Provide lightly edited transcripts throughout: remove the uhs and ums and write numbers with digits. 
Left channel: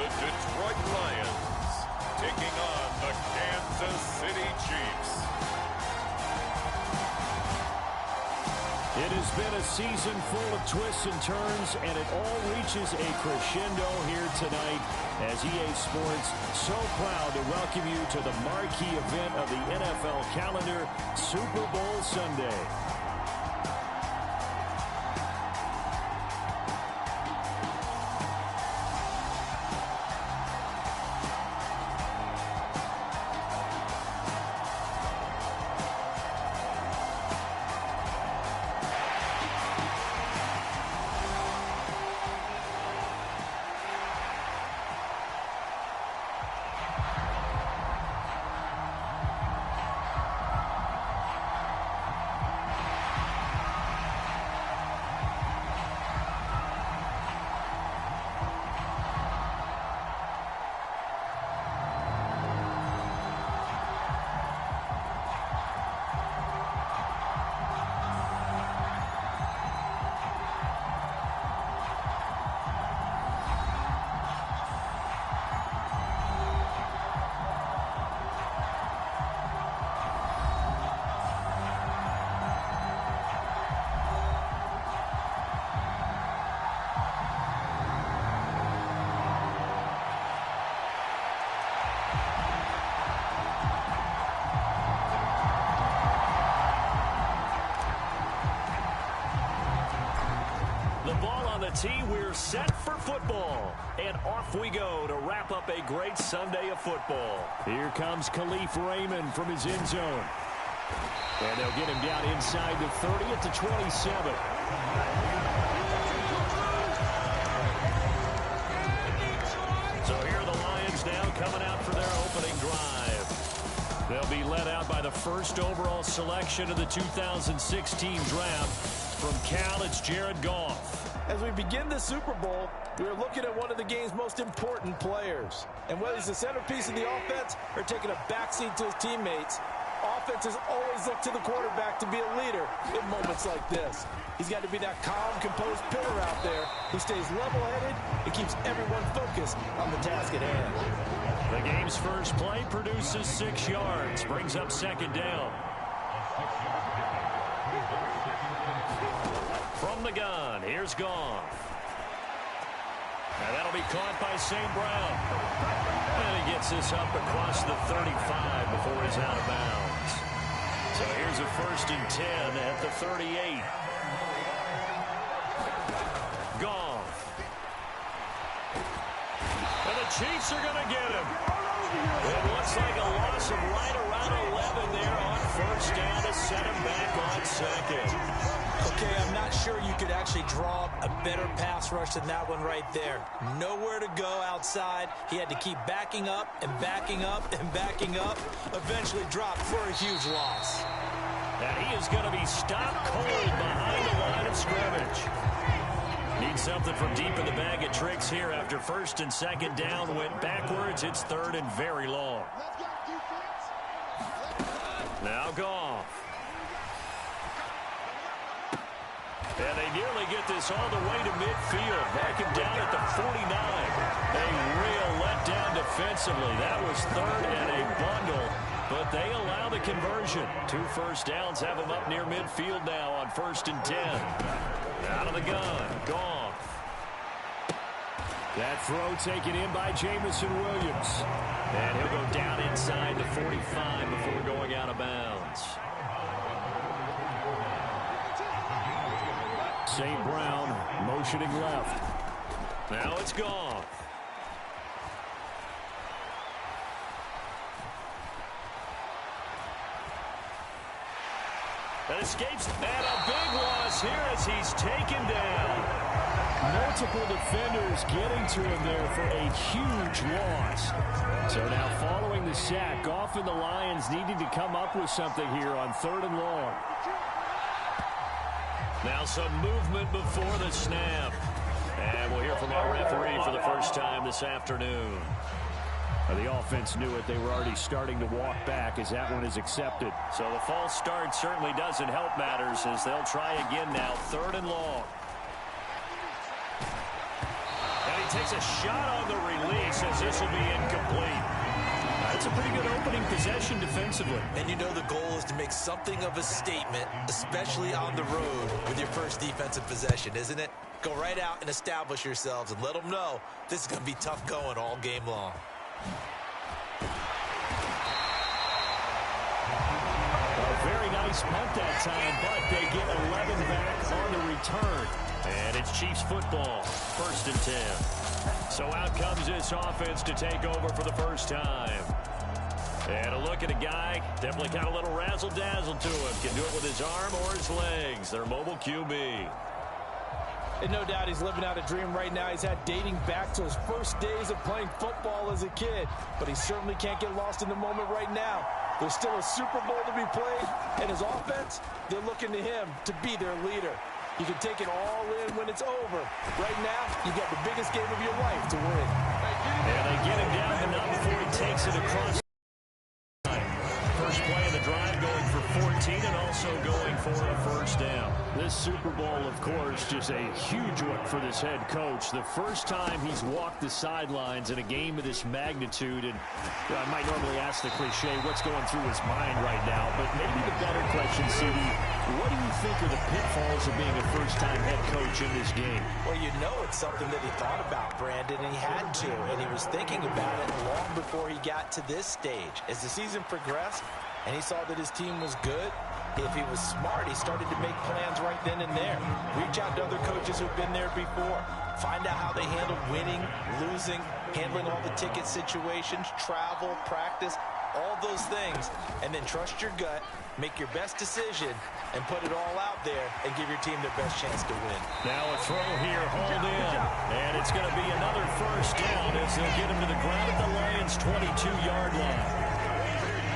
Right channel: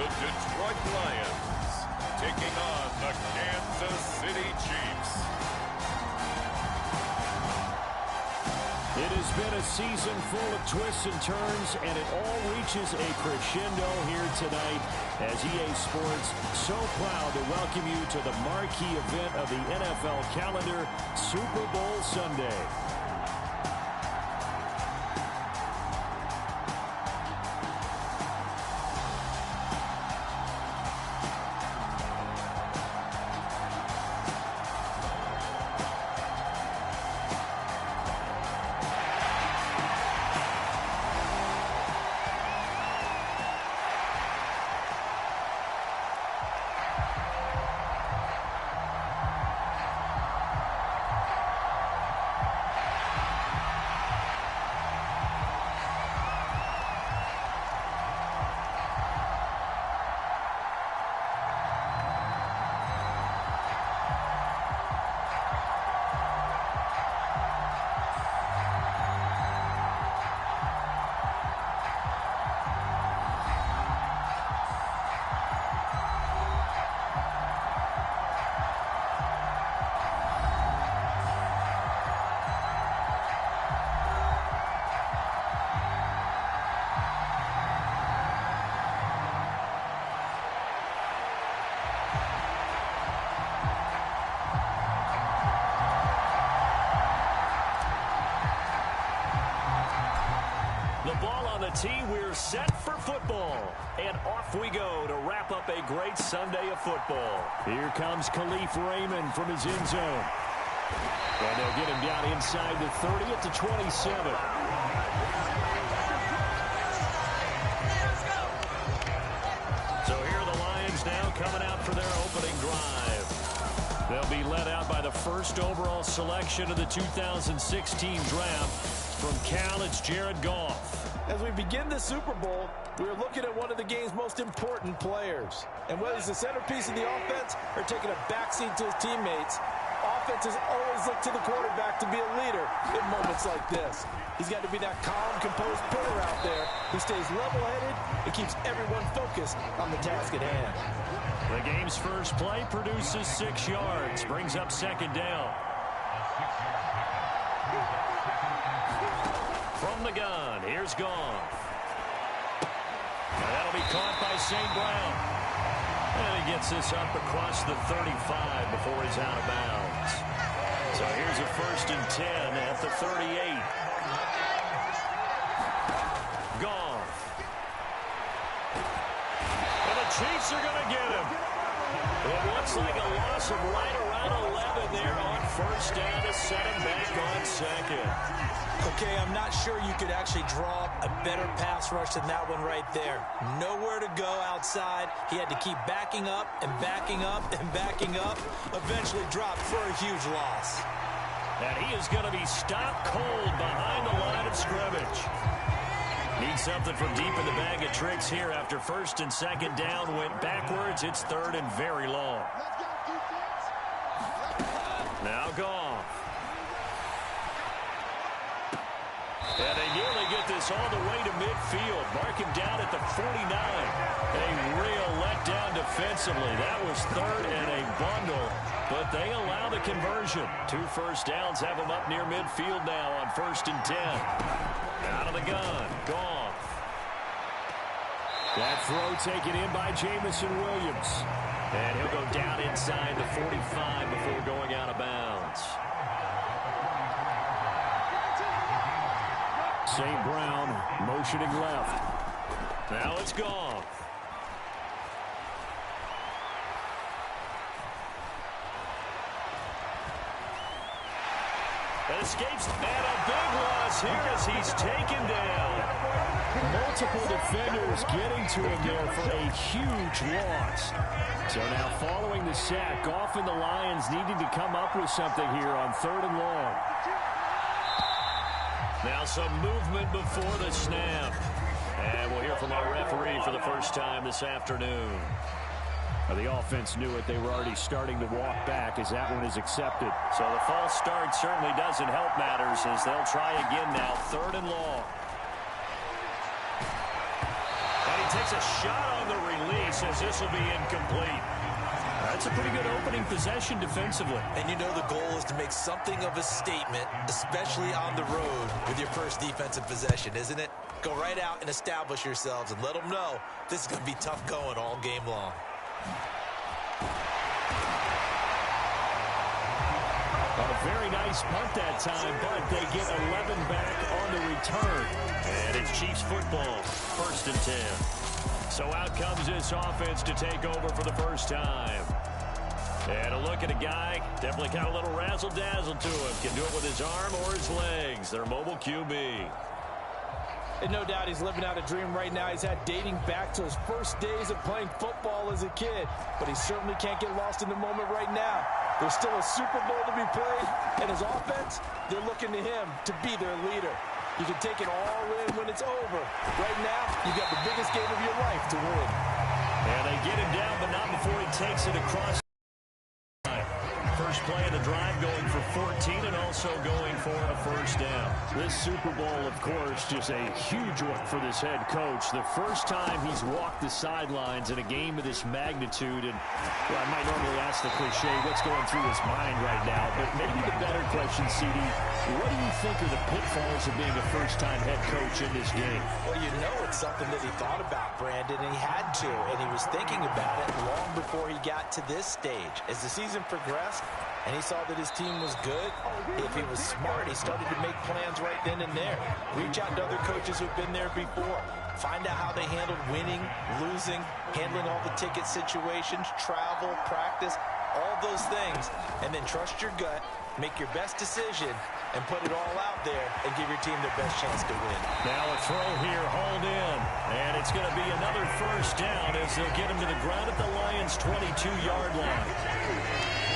the Detroit Lions, taking on the Kansas City Chiefs. It has been a season full of twists and turns, and it all reaches a crescendo here tonight as EA Sports so proud to welcome you to the marquee event of the NFL calendar, Super Bowl Sunday. The ball on the tee, we're set for football. And off we go to wrap up a great Sunday of football. Here comes Khalif Raymond from his end zone. And they'll get him down inside the 30 at the 27. So here are the Lions now coming out for their opening drive. They'll be led out by the first overall selection of the 2016 draft. From Cal, it's Jared Goff. As we begin the Super Bowl, we're looking at one of the game's most important players. And whether he's the centerpiece of the offense or taking a backseat to his teammates, offenses always look to the quarterback to be a leader in moments like this. He's got to be that calm, composed pillar out there who stays level-headed and keeps everyone focused on the task at hand. The game's first play produces 6 yards, brings up second down. From the gun, here's Goff. Now that'll be caught by St. Brown. And he gets this up across the 35 before he's out of bounds. So here's a 1st and 10 at the 38. Goff. And the Chiefs are going to get him. It looks like a loss of right around 11 there on 1st down to set him back on 2nd. Okay, I'm not sure you could actually draw a better pass rush than that one right there. Nowhere to go outside. He had to keep backing up and backing up and backing up. Eventually dropped for a huge loss. And he is going to be stopped cold behind the line of scrimmage. Needs something from deep in the bag of tricks here after 1st and 2nd down. Went backwards. It's 3rd and very long. Now Goff. And they nearly get this all the way to midfield. Mark him down at the 49. A real letdown defensively. That was 3rd and a bundle, but they allow the conversion. 2 first downs have them up near midfield now on 1st and 10. Out of the gun, Goff. That throw taken in by Jamison Williams. And he'll go down inside the 45 before going out of bounds. St. Brown motioning left. Now it's Goff. That escapes, and a big loss here as he's taken down. Multiple defenders getting to him there for a huge loss. So now following the sack, Goff and the Lions needing to come up with something here on 3rd and long. Now some movement before the snap. And we'll hear from our referee for the first time this afternoon. The offense knew it. They were already starting to walk back as that one is accepted. So the false start certainly doesn't help matters as they'll try again now. 3rd and long. And he takes a shot on the release as this will be incomplete. That's a pretty good opening possession defensively. And you know the goal is to make something of a statement, especially on the road with your first defensive possession, isn't it? Go right out and establish yourselves and let them know this is going to be tough going all game long. A very nice punt that time, but they get 11 back on the return. And it's Chiefs football, 1st and 10. So out comes this offense to take over for the first time. And a look at a guy, definitely got a little razzle-dazzle to him. Can do it with his arm or his legs. Their mobile QB. And no doubt he's living out a dream right now. He's had dating back to his first days of playing football as a kid. But he certainly can't get lost in the moment right now. There's still a Super Bowl to be played. And his offense, they're looking to him to be their leader. You can take it all in when it's over. Right now, you've got the biggest game of your life to win. And they get him down, but not before he takes it across. First play of the drive going for 14 and also going for a first down. This Super Bowl, of course, just a huge one for this head coach. The first time he's walked the sidelines in a game of this magnitude. And I might normally ask the cliche, what's going through his mind right now? But maybe the better question, CD, what do you think are the pitfalls of being a first-time head coach in this game? Well, you know it's something that he thought about, Brandon, and he had to. And he was thinking about it long before he got to this stage. As the season progressed, and he saw that his team was good, if he was smart, he started to make plans right then and there. Reach out to other coaches who've been there before. Find out how they handled winning, losing, handling all the ticket situations, travel, practice, all those things. And then trust your gut, make your best decision, and put it all out there and give your team their best chance to win. Now a throw here, hauled in. And it's going to be another first down as they'll get him to the ground at the Lions' 22-yard line.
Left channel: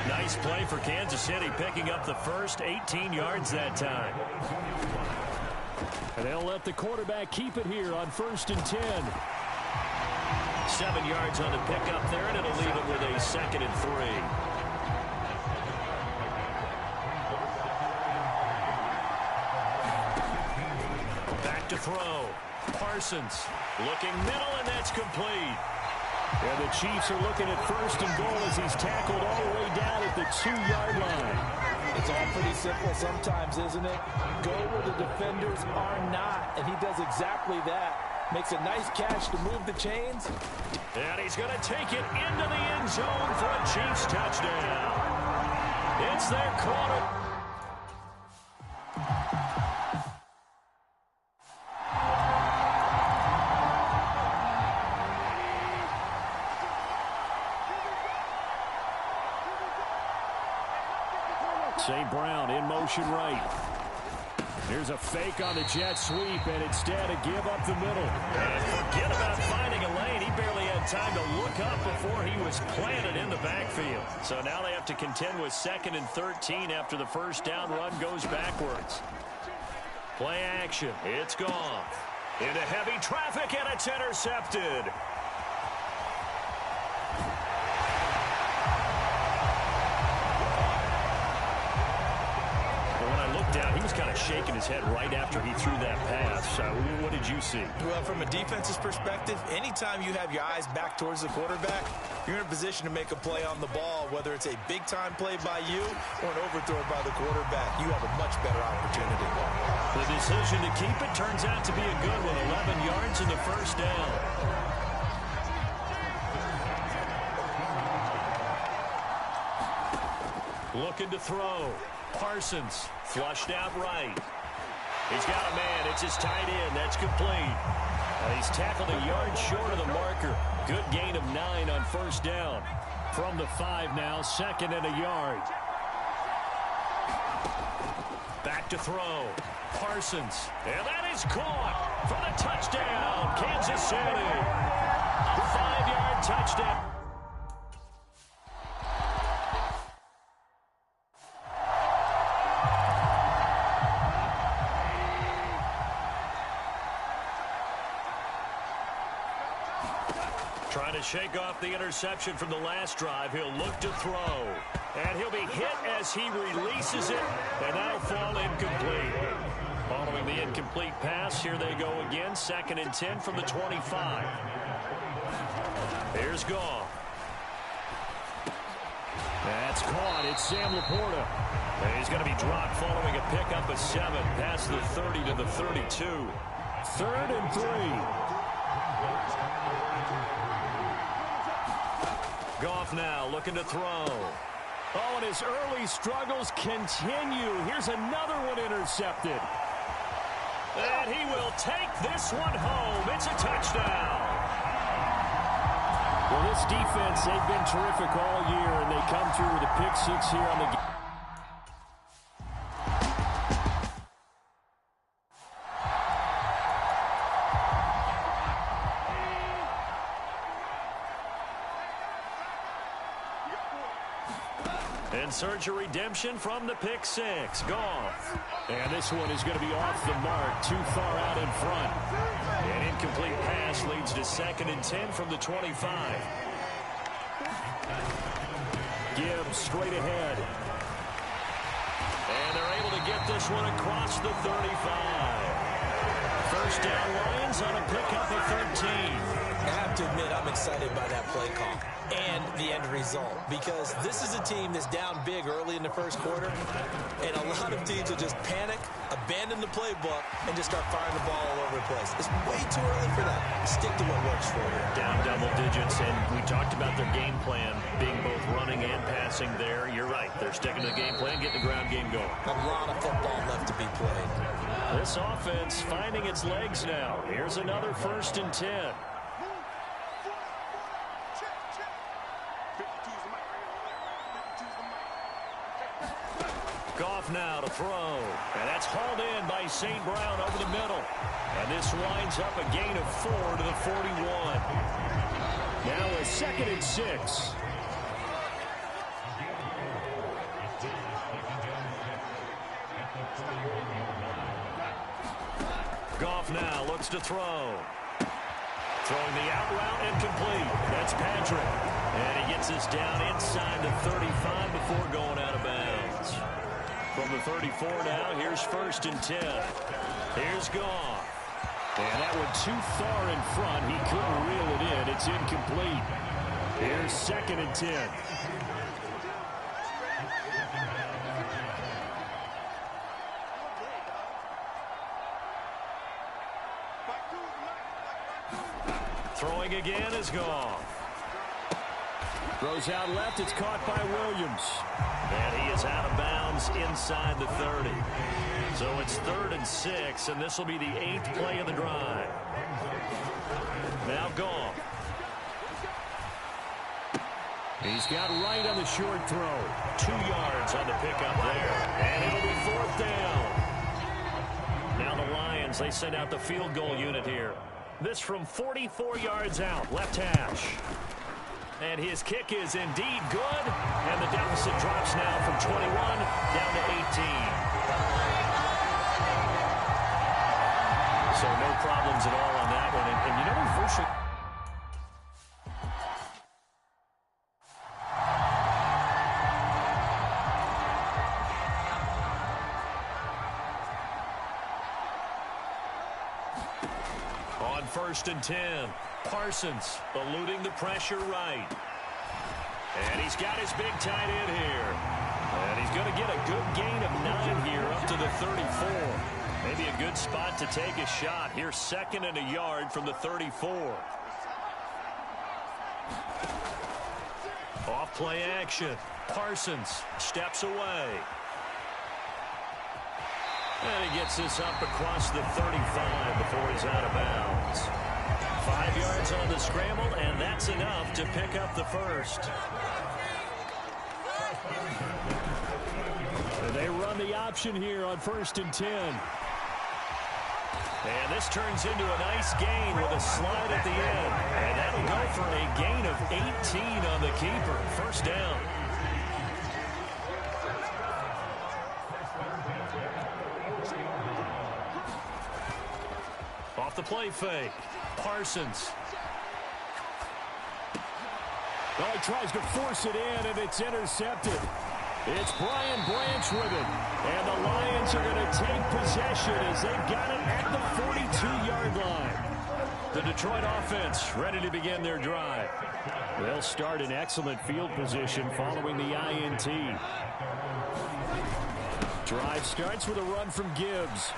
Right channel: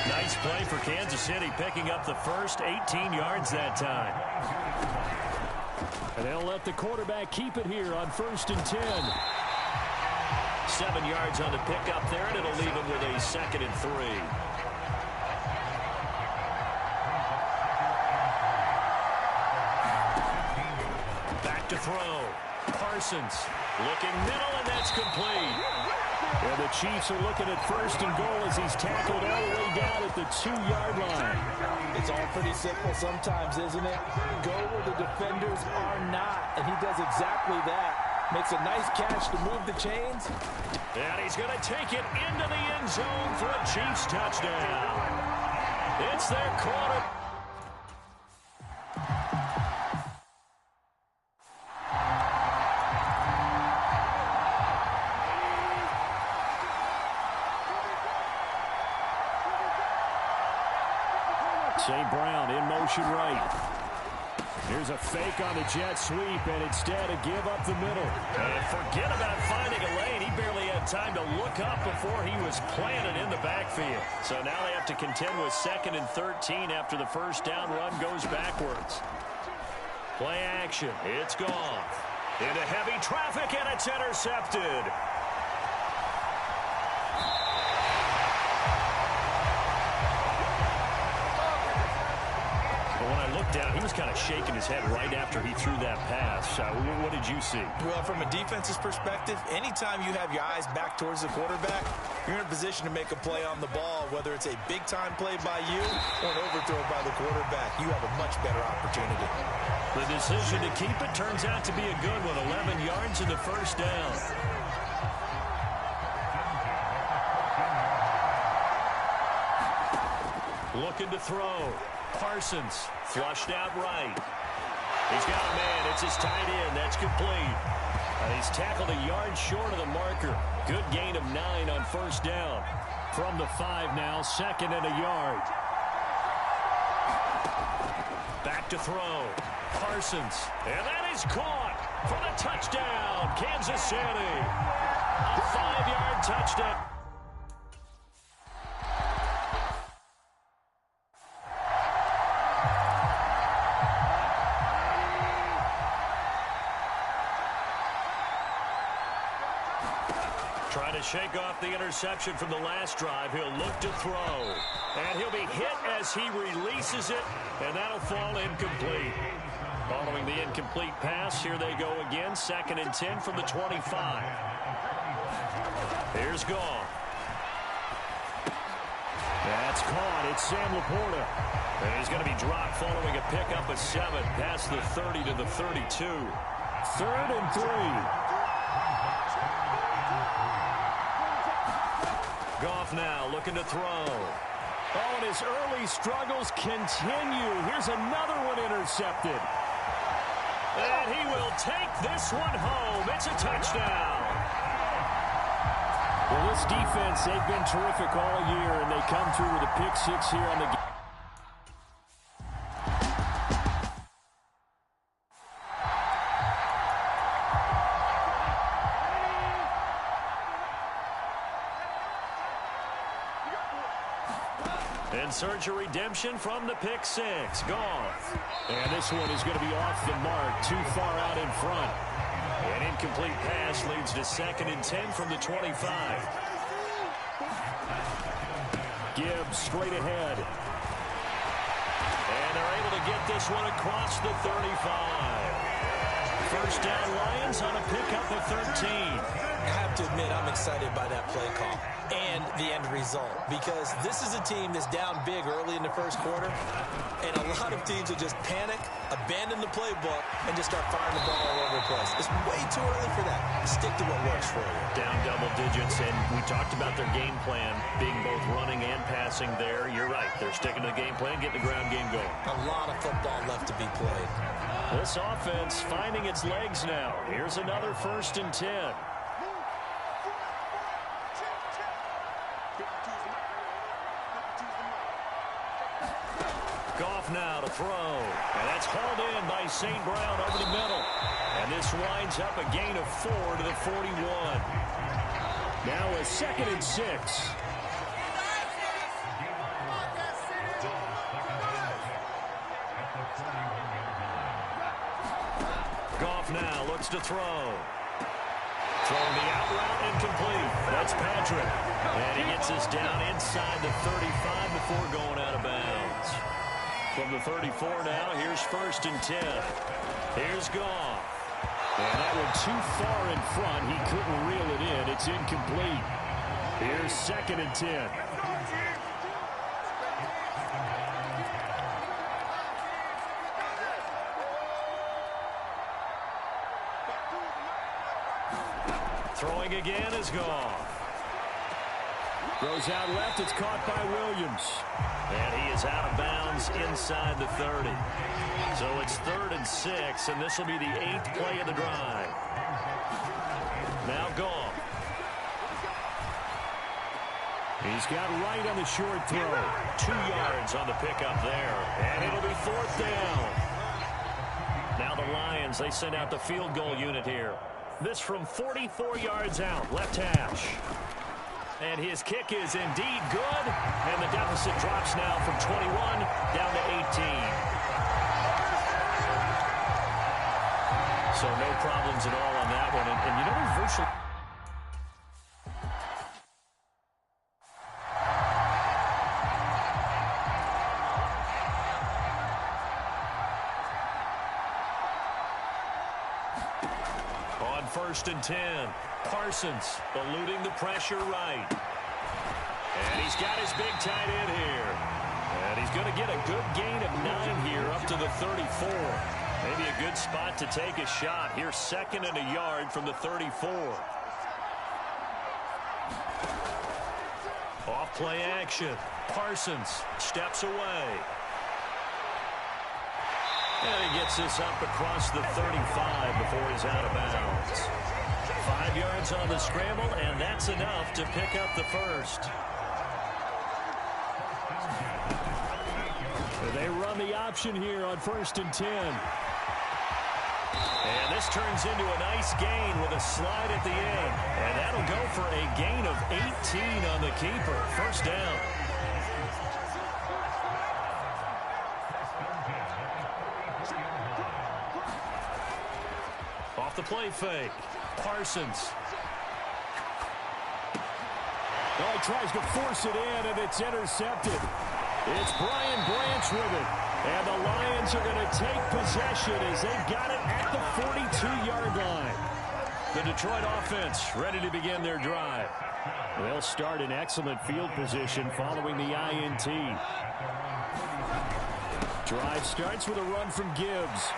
Nice play for Kansas City, picking up the first 18 yards that time. And they'll let the quarterback keep it here on 1st and 10. 7 yards on the pickup there, and it'll leave him with a 2nd and 3. Back to throw. Parsons looking middle, and that's complete. And the Chiefs are looking at 1st and goal as he's tackled all the way down at the 2-yard line. It's all pretty simple sometimes, isn't it? Go where the defenders are not, and he does exactly that. Makes a nice catch to move the chains. And he's going to take it into the end zone for a Chiefs touchdown. It's their quarter. St. Brown in motion right. Here's a fake on the jet sweep, and instead a give up the middle. And forget about finding a lane. He barely had time to look up before he was planted in the backfield. So now they have to contend with 2nd and 13 after the first down run goes backwards. Play action. It's gone. Into heavy traffic, and it's intercepted. When I looked down, he was kind of shaking his head right after he threw that pass. What did you see? Well, from a defense's perspective, anytime you have your eyes back towards the quarterback, you're in a position to make a play on the ball, whether it's a big-time play by you or an overthrow by the quarterback. You have a much better opportunity. The decision to keep it turns out to be a good one. 11 yards in the first down. Looking to throw. Parsons flushed out right. He's got a man. It's his tight end. That's complete. And he's tackled a yard short of the marker. Good gain of 9 on first down. From the 5 now, 2nd and a yard. Back to throw. Parsons. And that is caught for the touchdown. Kansas City. A 5-yard touchdown. Trying to shake off the interception from the last drive. He'll look to throw. And he'll be hit as he releases it. And that'll fall incomplete. Following the incomplete pass, here they go again. 2nd and 10 from the 25. Here's Goff. That's caught. It's Sam Laporta. And he's going to be dropped following a pickup of 7 past the 30 to the 32. 3rd and 3. Goff now looking to throw. Oh, and his early struggles continue. Here's another one intercepted. And he will take this one home. It's a touchdown. Well, this defense, they've been terrific all year, and they come through with a pick 6 here on the game. And search a redemption from the pick 6. Goff. And this one is going to be off the mark, too far out in front. An incomplete pass leads to 2nd and 10 from the 25. Gibbs straight ahead. And they're able to get this one across the 35. First down Lions on a pickup of 13. I have to admit, I'm excited by that play call and the end result, because this is a team that's down big early in the first quarter, and a lot of teams will just panic, abandon the playbook, and just start firing the ball all over the place. It's way too early for that. Stick to what works for you. Down double digits, and we talked about their game plan being both running and passing there. You're right. They're sticking to the game plan, getting the ground game going. A lot of football left to be played. This offense finding its legs now. Here's another 1st and 10. Goff now to throw. And that's hauled in by St. Brown over the middle. And this winds up a gain of 4 to the 41. Now a 2nd and 6. Goff now looks to throw. Throwing the out route incomplete. That's Patrick. And he gets this down inside the 35 before going out of bounds. From the 34 now, here's 1st and 10. Here's Goff. And that one too far in front. He couldn't reel it in. It's incomplete. Here's 2nd and 10. Throwing again is Goff. Throws out left. It's caught by Williams. And he is out of bounds inside the 30. So it's 3rd and 6, and this will be the 8th play of the drive. Now Goff. He's got right on the short throw. 2 yards on the pickup there. And it'll be 4th down. Now the Lions, they send out the field goal unit here. This from 44 yards out, left hash. And his kick is indeed good. And the deficit drops now from 21 down to 18. So no problems at all on that one. And you know, there's virtually... On 1st and 10, Parsons eluding the pressure right. And he's got his big tight end here. And he's going to get a good gain of 9 here up to the 34. Maybe a good spot to take a shot. Here's 2nd and a yard from the 34. Off play action. Parsons steps away. And he gets this up across the 35 before he's out of bounds. 5 yards on the scramble, and that's enough to pick up the first. They run the option here on 1st and 10. And this turns into a nice gain with a slide at the end. And that'll go for a gain of 18 on the keeper. First down. Off the play fake. Parsons. Oh, he tries to force it in, and it's intercepted. It's Brian Branch with it. And the Lions are going to take possession as they've got it at the 42-yard line. The Detroit offense ready to begin their drive. They'll start in excellent field position following the INT. Drive starts with a run from Gibbs.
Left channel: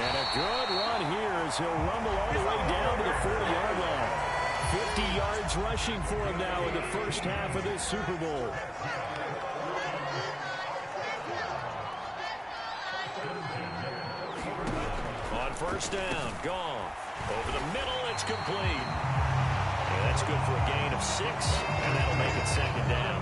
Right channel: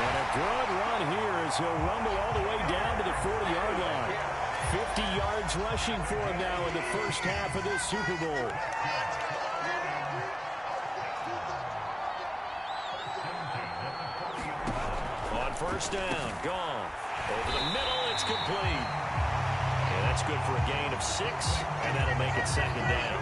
And a good run here as he'll rumble all the way down to the 40-yard line. 50 yards rushing for him now in the first half of this Super Bowl. On first down, Goff. Over the middle, it's complete. And that's good for a gain of 6, and that'll make it second down.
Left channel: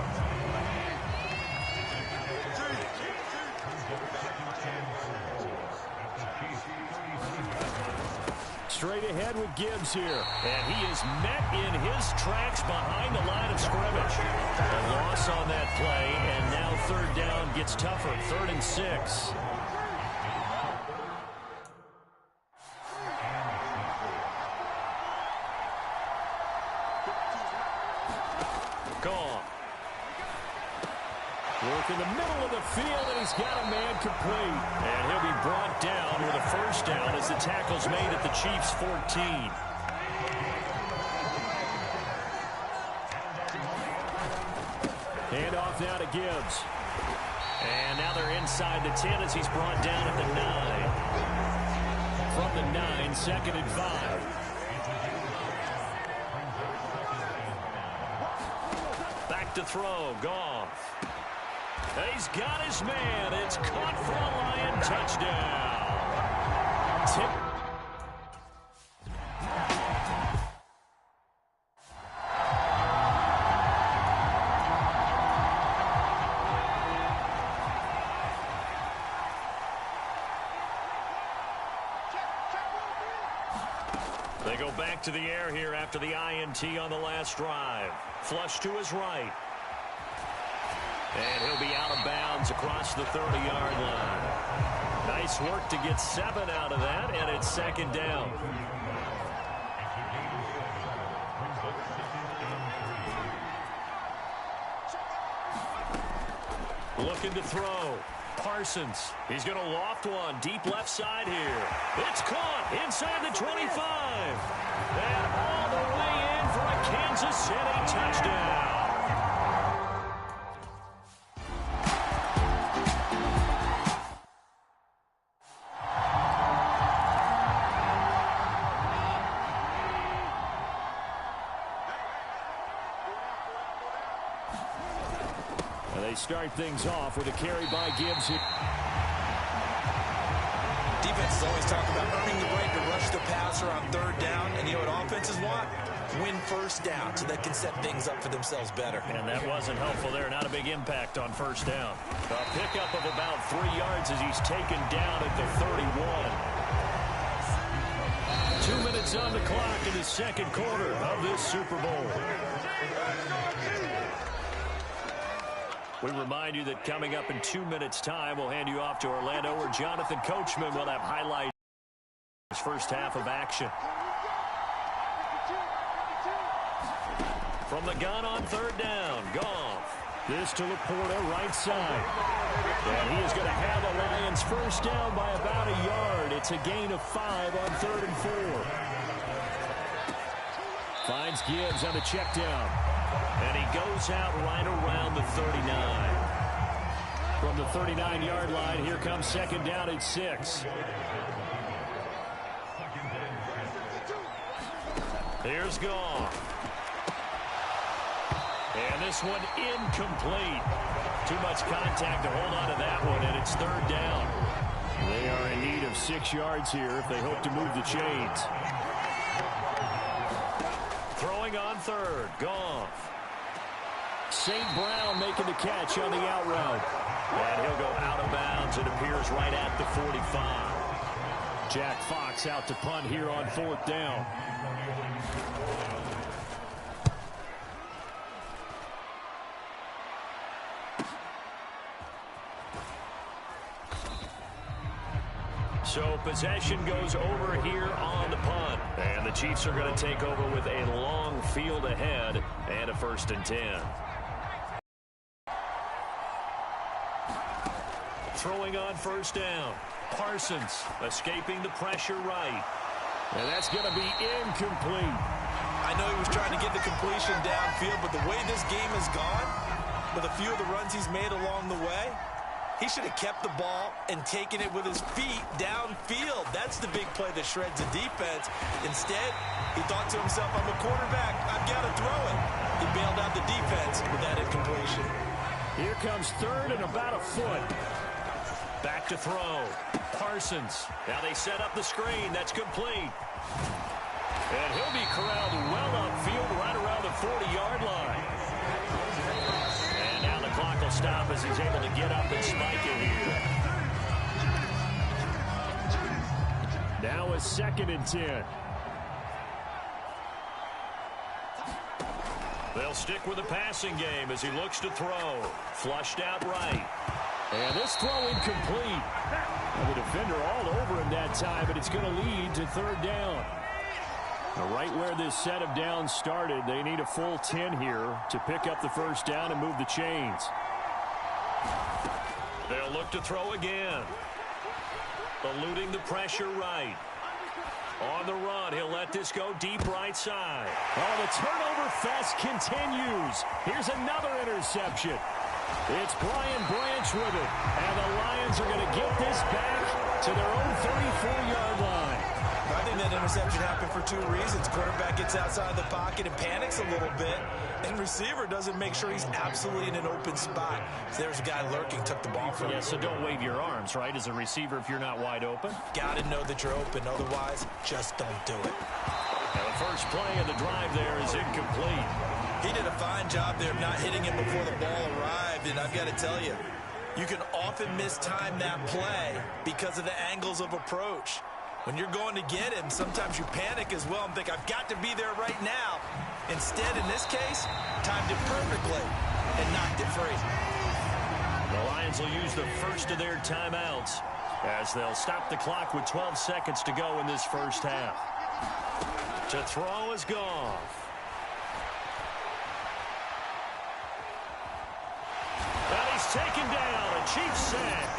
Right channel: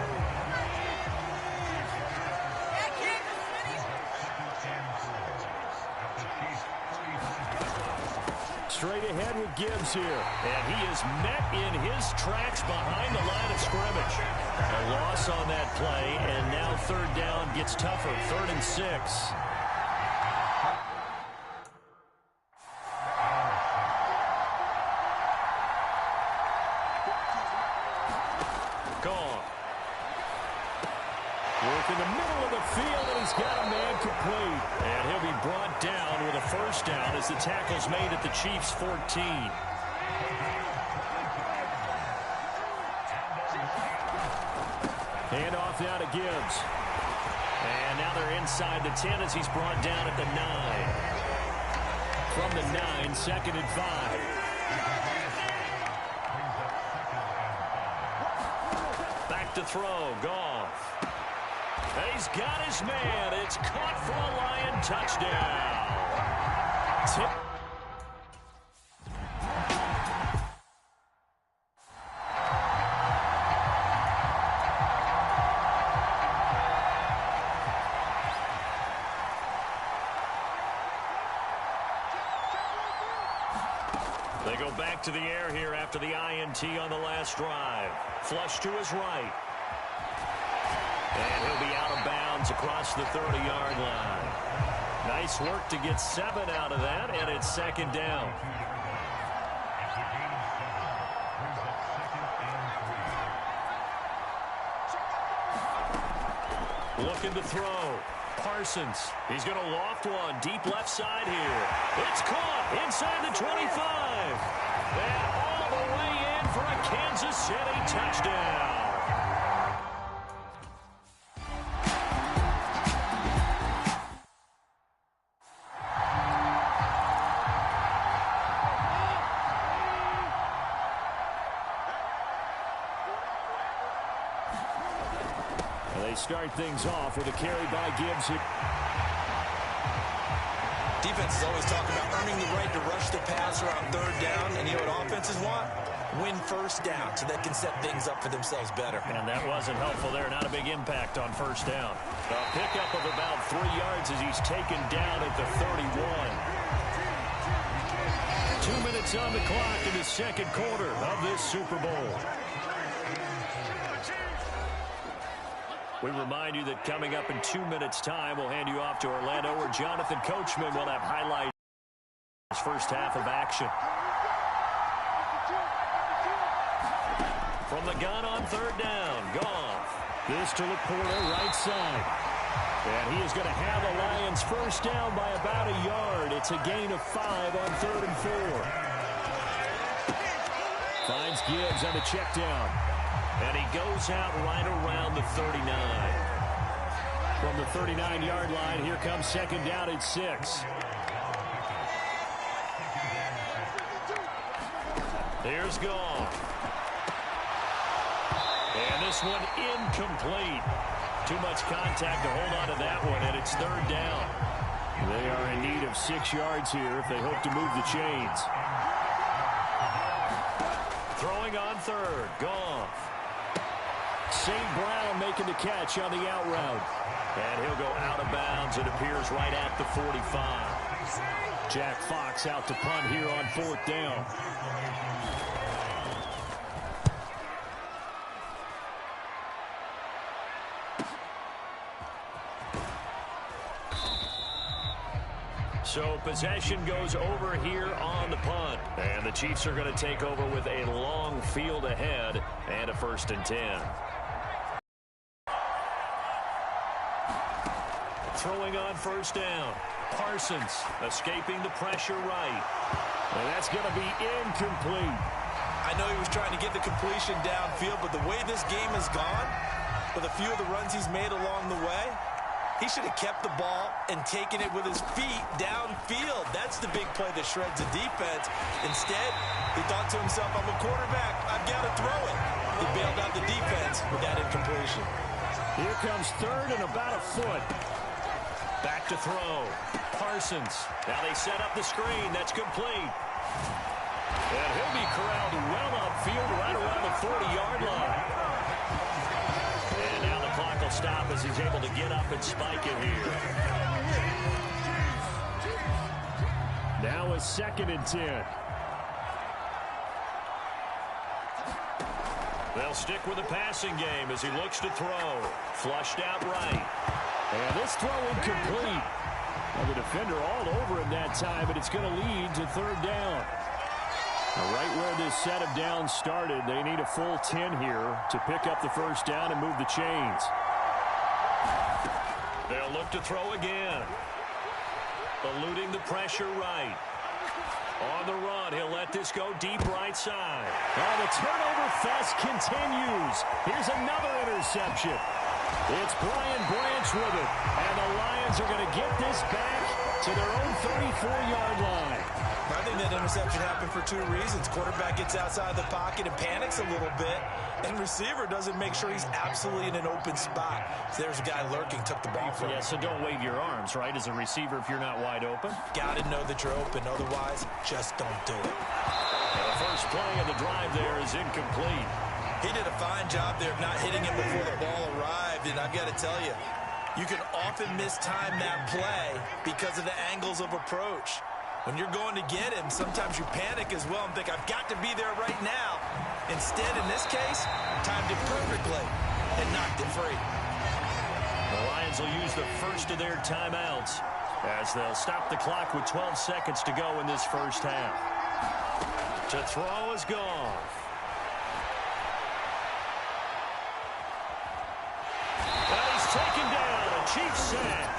Straight ahead with Gibbs here. And he is met in his tracks behind the line of scrimmage. A loss on that play, and now third down gets tougher. 3rd and 6. Goff. Work in the middle of the field, and he's got a man complete. And he'll be brought down with a first down as the tackle's made at the Chiefs' 14. Hand off now to Gibbs. And now they're inside the 10 as he's brought down at the 9. From the 9, 2nd and 5. Back to throw, Goff. He's got his man. It's caught for a Lion touchdown. They go back to the air here after the INT on the last drive. Flush to his right. And he'll be out of bounds across the 30-yard line. Nice work to get 7 out of that, and it's second down. Looking to throw. Parsons. He's going to loft one deep left side here. It's caught inside the 25. And all the way in for a Kansas City touchdown. They start things off with a carry by Gibbs. Defenses always talk about earning the right to rush the passer on 3rd down, and you know what offenses want? Win first down so they can set things up for themselves better. And that wasn't helpful there. Not a big impact on first down. A pickup of about 3 yards as he's taken down at the 31. 2 minutes on the clock in the second quarter of this Super Bowl. We remind you that coming up in 2 minutes' time, we'll hand you off to Orlando, where Jonathan Coachman will have highlights of his first half of action. From the gun on 3rd down, Goff. This to Laporta, right side. And he is going to have the Lions first down by about a yard. It's a gain of 5 on 3rd and 4. Finds Gibbs on the check down. And he goes out right around the 39. From the 39-yard line, here comes second down at 6. Here's Goff. And this one incomplete. Too much contact to hold on to that one, and it's 3rd down. They are in need of 6 yards here if they hope to move the chains. Throwing on 3rd, Goff. St. Brown making the catch on the out route. And he'll go out of bounds. It appears right at the 45. Jack Fox out to punt here on 4th down. So possession goes over here on the punt. And the Chiefs are going to take over with a long field ahead and a 1st and 10. Throwing on 1st down. Parsons escaping the pressure right. And that's going to be incomplete. I know he was trying to get the completion downfield, but the way this game has gone, with a few of the runs he's made along the way, he should have kept the ball and taken it with his feet downfield. That's the big play that shreds the defense. Instead, he thought to himself, I'm a quarterback, I've got to throw it. He bailed out the defense with that incompletion. Here comes third and about a foot. Back to throw. Parsons. Now they set up the screen. That's complete. And he'll be corralled well upfield right around the 40-yard line. And now the clock will stop as he's able to get up and spike it here. Now a 2nd and 10. They'll stick with the passing game as he looks to throw. Flushed out right. And this throw incomplete. Well, the defender all over him that time, but it's going to lead to 3rd down. Now, right where this set of downs started, they need a full 10 here to pick up the 1st down and move the chains. They'll look to throw again. Eluding the pressure right. On the run, he'll let this go deep right side. Oh, the turnover fest continues. Here's another interception. It's Brian Branch with it. And the Lions are going to get this back to their own 34-yard line. I think that interception happened for 2 reasons. Quarterback gets outside the pocket and panics a little bit, and receiver doesn't make sure he's absolutely in an open spot. So there's a guy lurking, took the ball from him. Yeah, so don't wave your arms, right, as a receiver if you're not wide open. Got to know that you're open. Otherwise, just don't do it. Now the first play of the drive there is incomplete. He did a fine job there of not hitting him before the ball arrived, and I've got to tell you, you can often mistime that play because of the angles of approach. When you're going to get him, sometimes you panic as well and think, I've got to be there right now. Instead, in this case, timed it perfectly and knocked it free. The Lions will use the first of their timeouts as they'll stop the clock with 12 seconds to go in this first half. To throw is gone. And he's taken down, a Chiefs sack.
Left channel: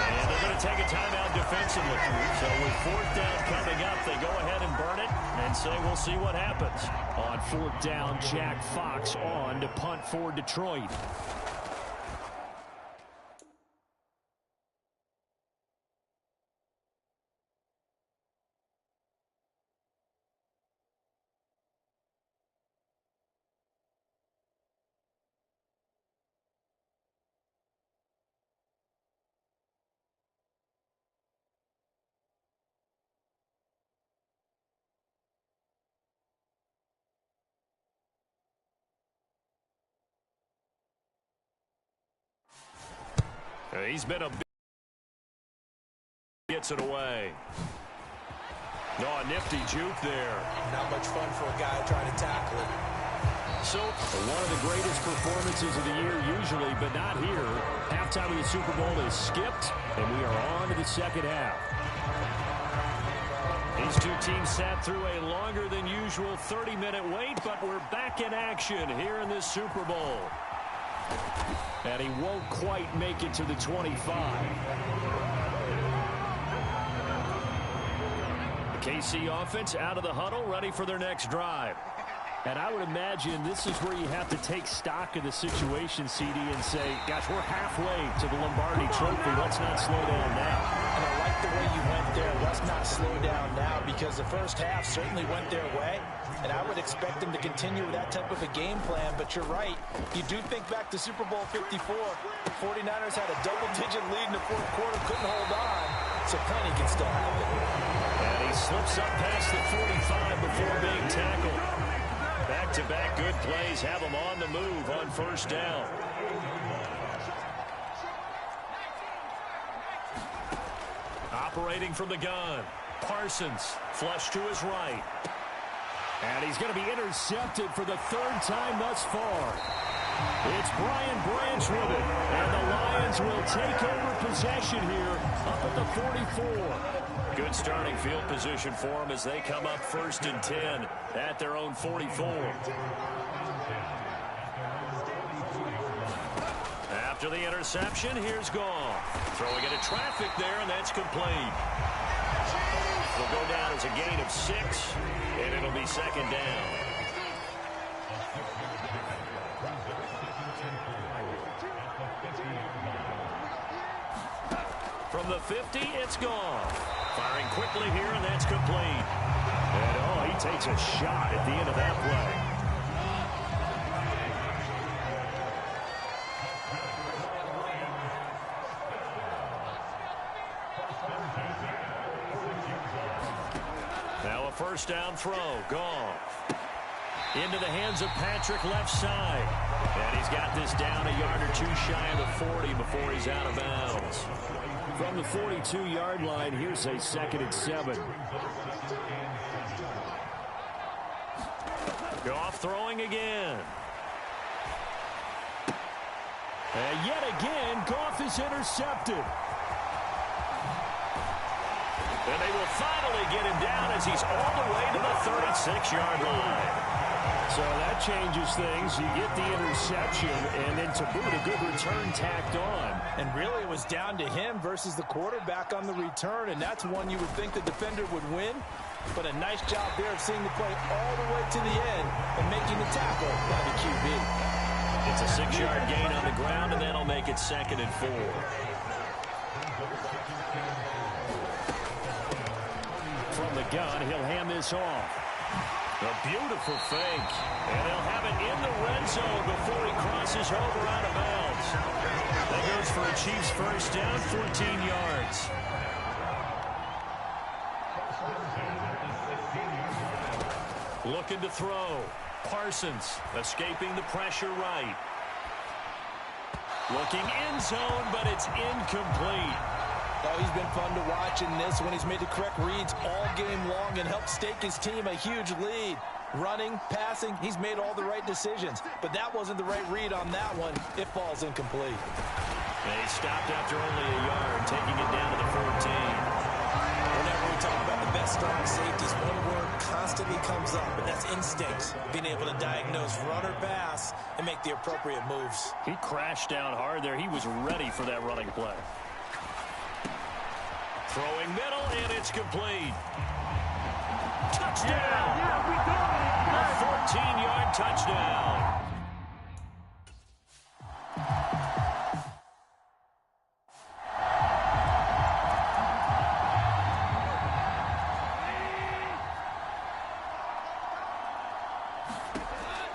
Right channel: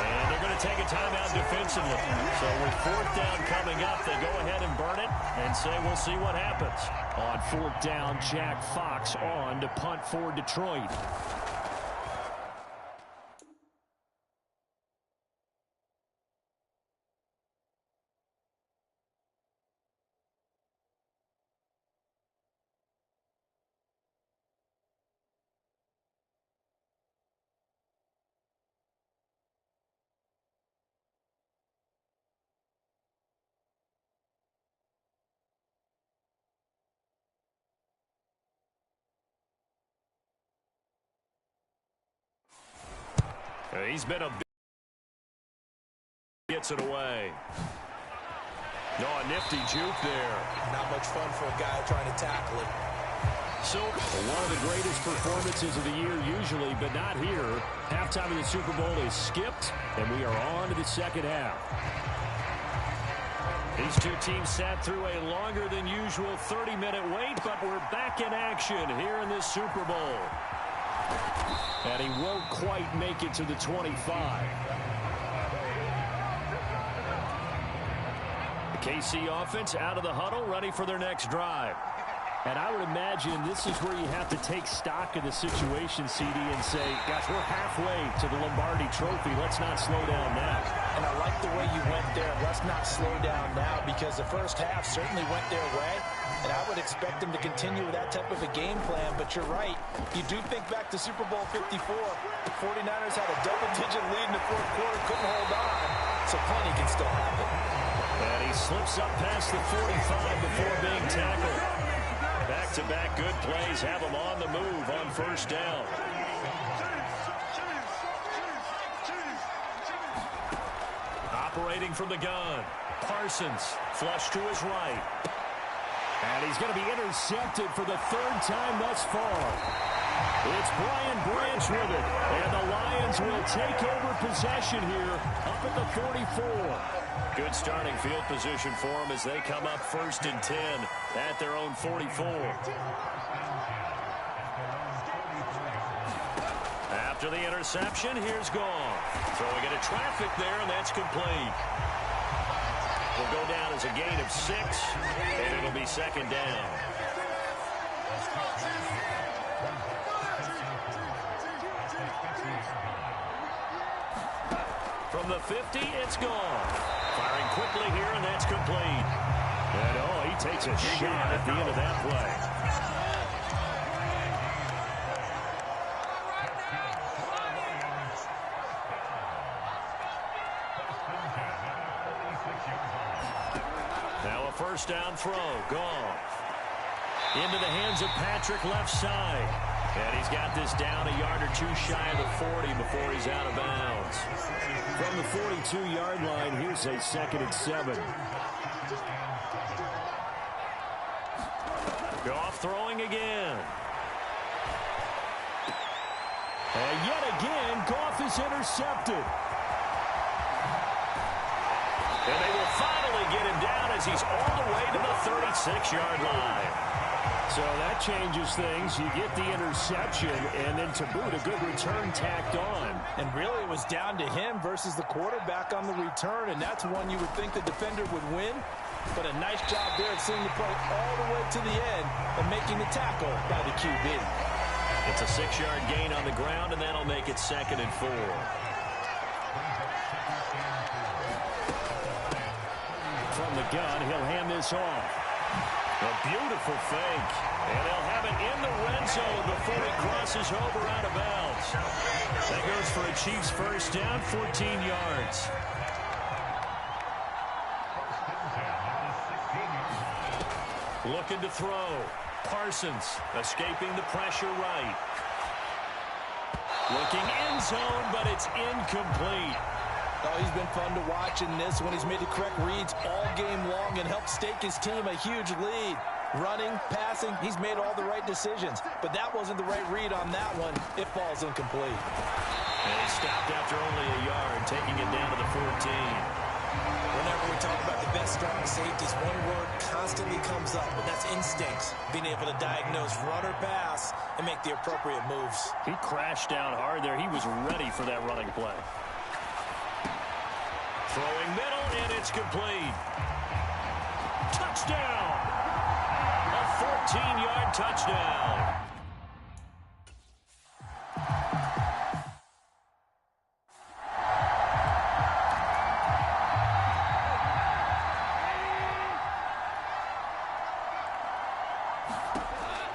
And they're going to take a timeout defensively. So with 4th down coming up, they go ahead and burn it and say we'll see what happens. On 4th down, Jack Fox on to punt for Detroit. He's been a big gets it away. No, a nifty juke there. Not much fun for a guy trying to tackle it. So, one of the greatest performances of the year usually, but not here. Halftime of the Super Bowl is skipped, and we are on to the 2nd half. These two teams sat through a longer than usual 30-minute wait, but we're back in action here in this Super Bowl. And he won't quite make it to the 25. The KC offense out of the huddle, ready for their next drive. And I would imagine this is where you have to take stock of the situation, CD, and say, gosh, we're halfway to the Lombardi Trophy. Let's not slow down now. And I like the way you went there. Let's not slow down now, because the first half certainly went their way. And I would expect them to continue with that type of a game plan. But you're right. You do think back to Super Bowl 54. 49ers had a double-digit lead in the 4th quarter, couldn't hold on. So plenty can still happen. And he slips up past the 45 before being tackled. Back-to-back good plays have him on the move on 1st down. Operating from the gun. Parsons, flush to his right. And he's going to be intercepted for the 3rd time thus far. It's Brian Branch with it. And the Lions will take over possession here up at the 44. Good starting field position for them as they come up 1st and 10 at their own 44. After the interception, here's Goff. Throwing into traffic there, and that's complete. will go down as a gain of 6, and it'll be second down. From the 50, it's gone. Firing quickly here, and that's complete. And, oh, he takes a shot at the end of that play. Now a first down throw. Goff. Into the hands of Patrick left side. And he's got this down a yard or two shy of the 40 before he's out of bounds. From the 42-yard line, here's a 2nd and 7. Goff throwing again. And yet again, Goff is intercepted. And they will finally get him down as he's all the way to the 36-yard line. So that changes things. You get the interception, and then to boot, a good return tacked on. And really, it was down to him versus the quarterback on the return, and that's one you would think the defender would win. But a nice job there of seeing the play all the way to the end and making the tackle by the QB. It's a 6-yard gain on the ground, and that'll make it 2nd and 4. From the gun, he'll hand this off. A beautiful fake. And they'll have it in the red zone before he crosses over out of bounds. That goes for a Chiefs first down, 14 yards. Looking to throw. Parsons escaping the pressure right. Looking end zone, but it's incomplete. Oh, he's been fun to watch in this one. He's made the correct reads all game long and helped stake his team a huge lead. Running, passing, he's made all the right decisions. But that wasn't the right read on that one. It falls incomplete. And he stopped after only a yard, taking it down to the 14. Whenever we talk about the best strong safeties, one word constantly comes up, and that's instincts. Being able to diagnose run or pass and make the appropriate moves. He crashed down hard there. He was ready for that running play. Throwing middle, and it's complete. Touchdown! A 14-yard touchdown.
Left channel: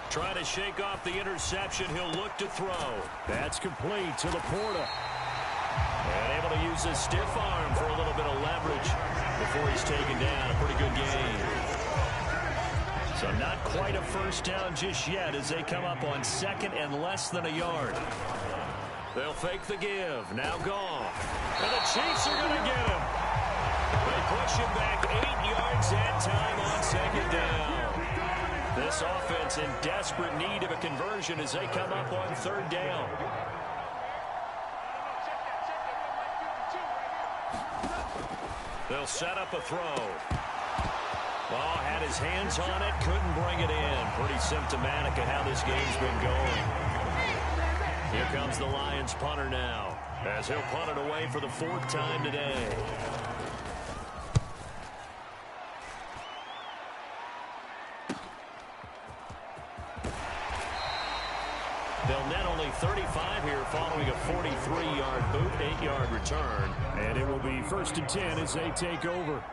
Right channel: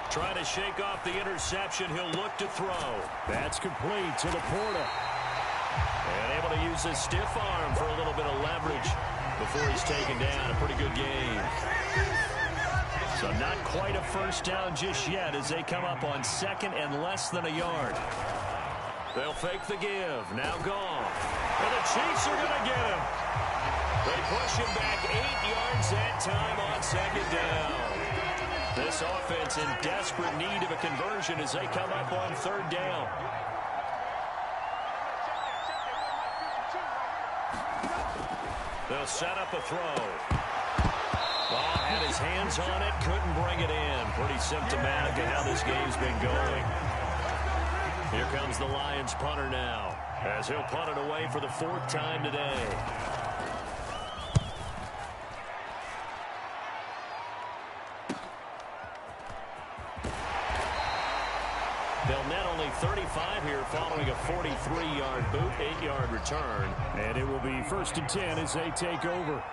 Trying to shake off the interception. He'll look to throw. That's complete to Laporta. And able to use his stiff arm for a little bit of leverage before he's taken down. A pretty good game. So not quite a first down just yet as they come up on 2nd and less than a yard. They'll fake the give. Now Goff. And the Chiefs are going to get him. They push him back 8 yards that time on 2nd down. This offense in desperate need of a conversion as they come up on 3rd down. They'll set up a throw. Ball had his hands on it, couldn't bring it in. Pretty symptomatic of how this game's been going. Here comes the Lions punter now, as he'll punt it away for the 4th time today. They'll net only 35 here following a 43-yard boot, 8-yard return. And it will be 1st and 10 as they take over.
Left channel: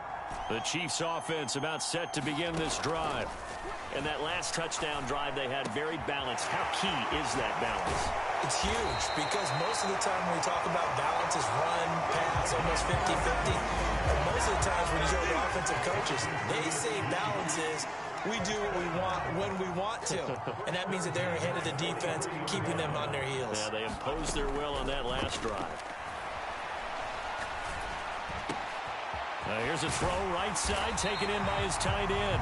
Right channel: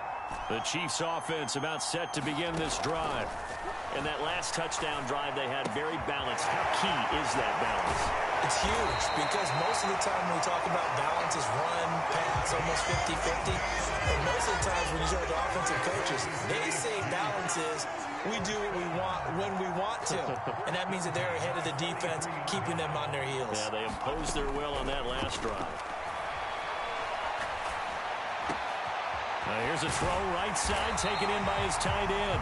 The Chiefs offense about set to begin this drive. And that last touchdown drive they had very balanced. How key is that balance? It's huge because most of the time when we talk about balance is run, pass, almost 50-50. But most of the times when you show the offensive coaches, they say balance is we do what we want when we want to. And that means that they're ahead of the defense, keeping them on their heels. Yeah, they imposed their will on that last drive. Now here's a throw right side, taken in by his tight end.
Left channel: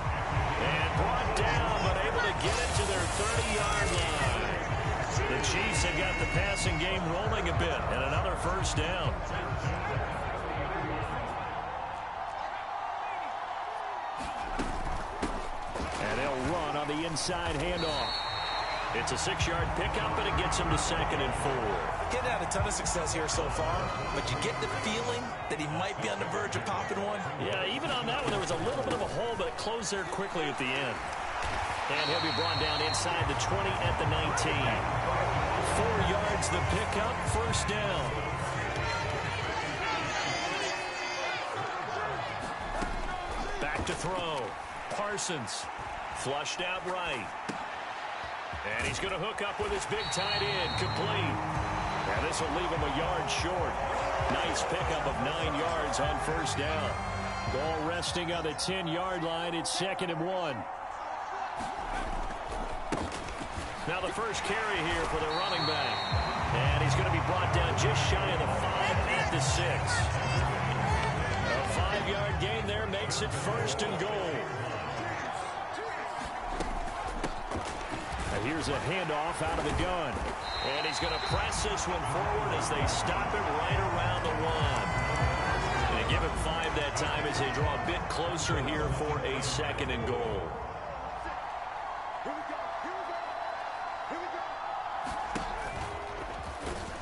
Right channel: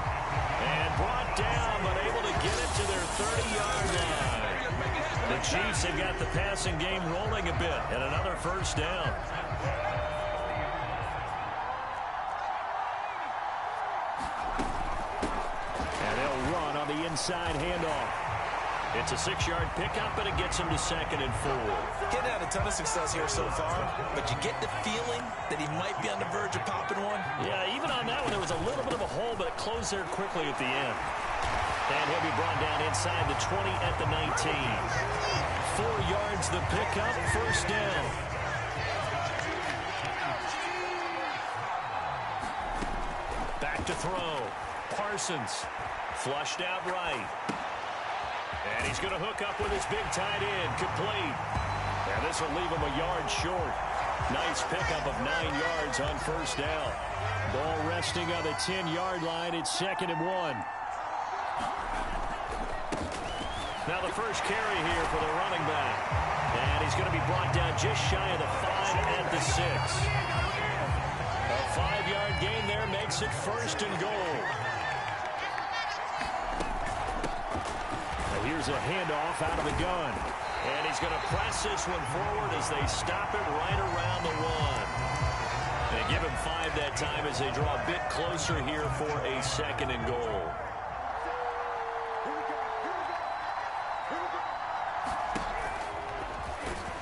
And brought down, but able to get it to their 30-yard line. The Chiefs have got the passing game rolling a bit, and another first down. And they'll run on the inside handoff. It's a 6-yard pickup, and it gets him to 2nd and 4. Getting had a ton of success here so far, but you get the feeling that he might be on the verge of popping one. Yeah, even on that one, there was a little bit of a hole, but it closed there quickly at the end. And he'll be brought down inside the 20 at the 19. 4 yards the pickup, 1st down. Back to throw. Parsons flushed out right. And he's going to hook up with his big tight end, complete. And this will leave him a yard short. Nice pickup of 9 yards on 1st down. Ball resting on the 10-yard line. It's 2nd and 1. Now the first carry here for the running back. And he's going to be brought down just shy of the 5 at the 6. A 5-yard gain there makes it 1st and goal. Now here's a handoff out of the gun. And he's going to press this one forward as they stop it right around the 1. They give him 5 that time as they draw a bit closer here for a 2nd and goal.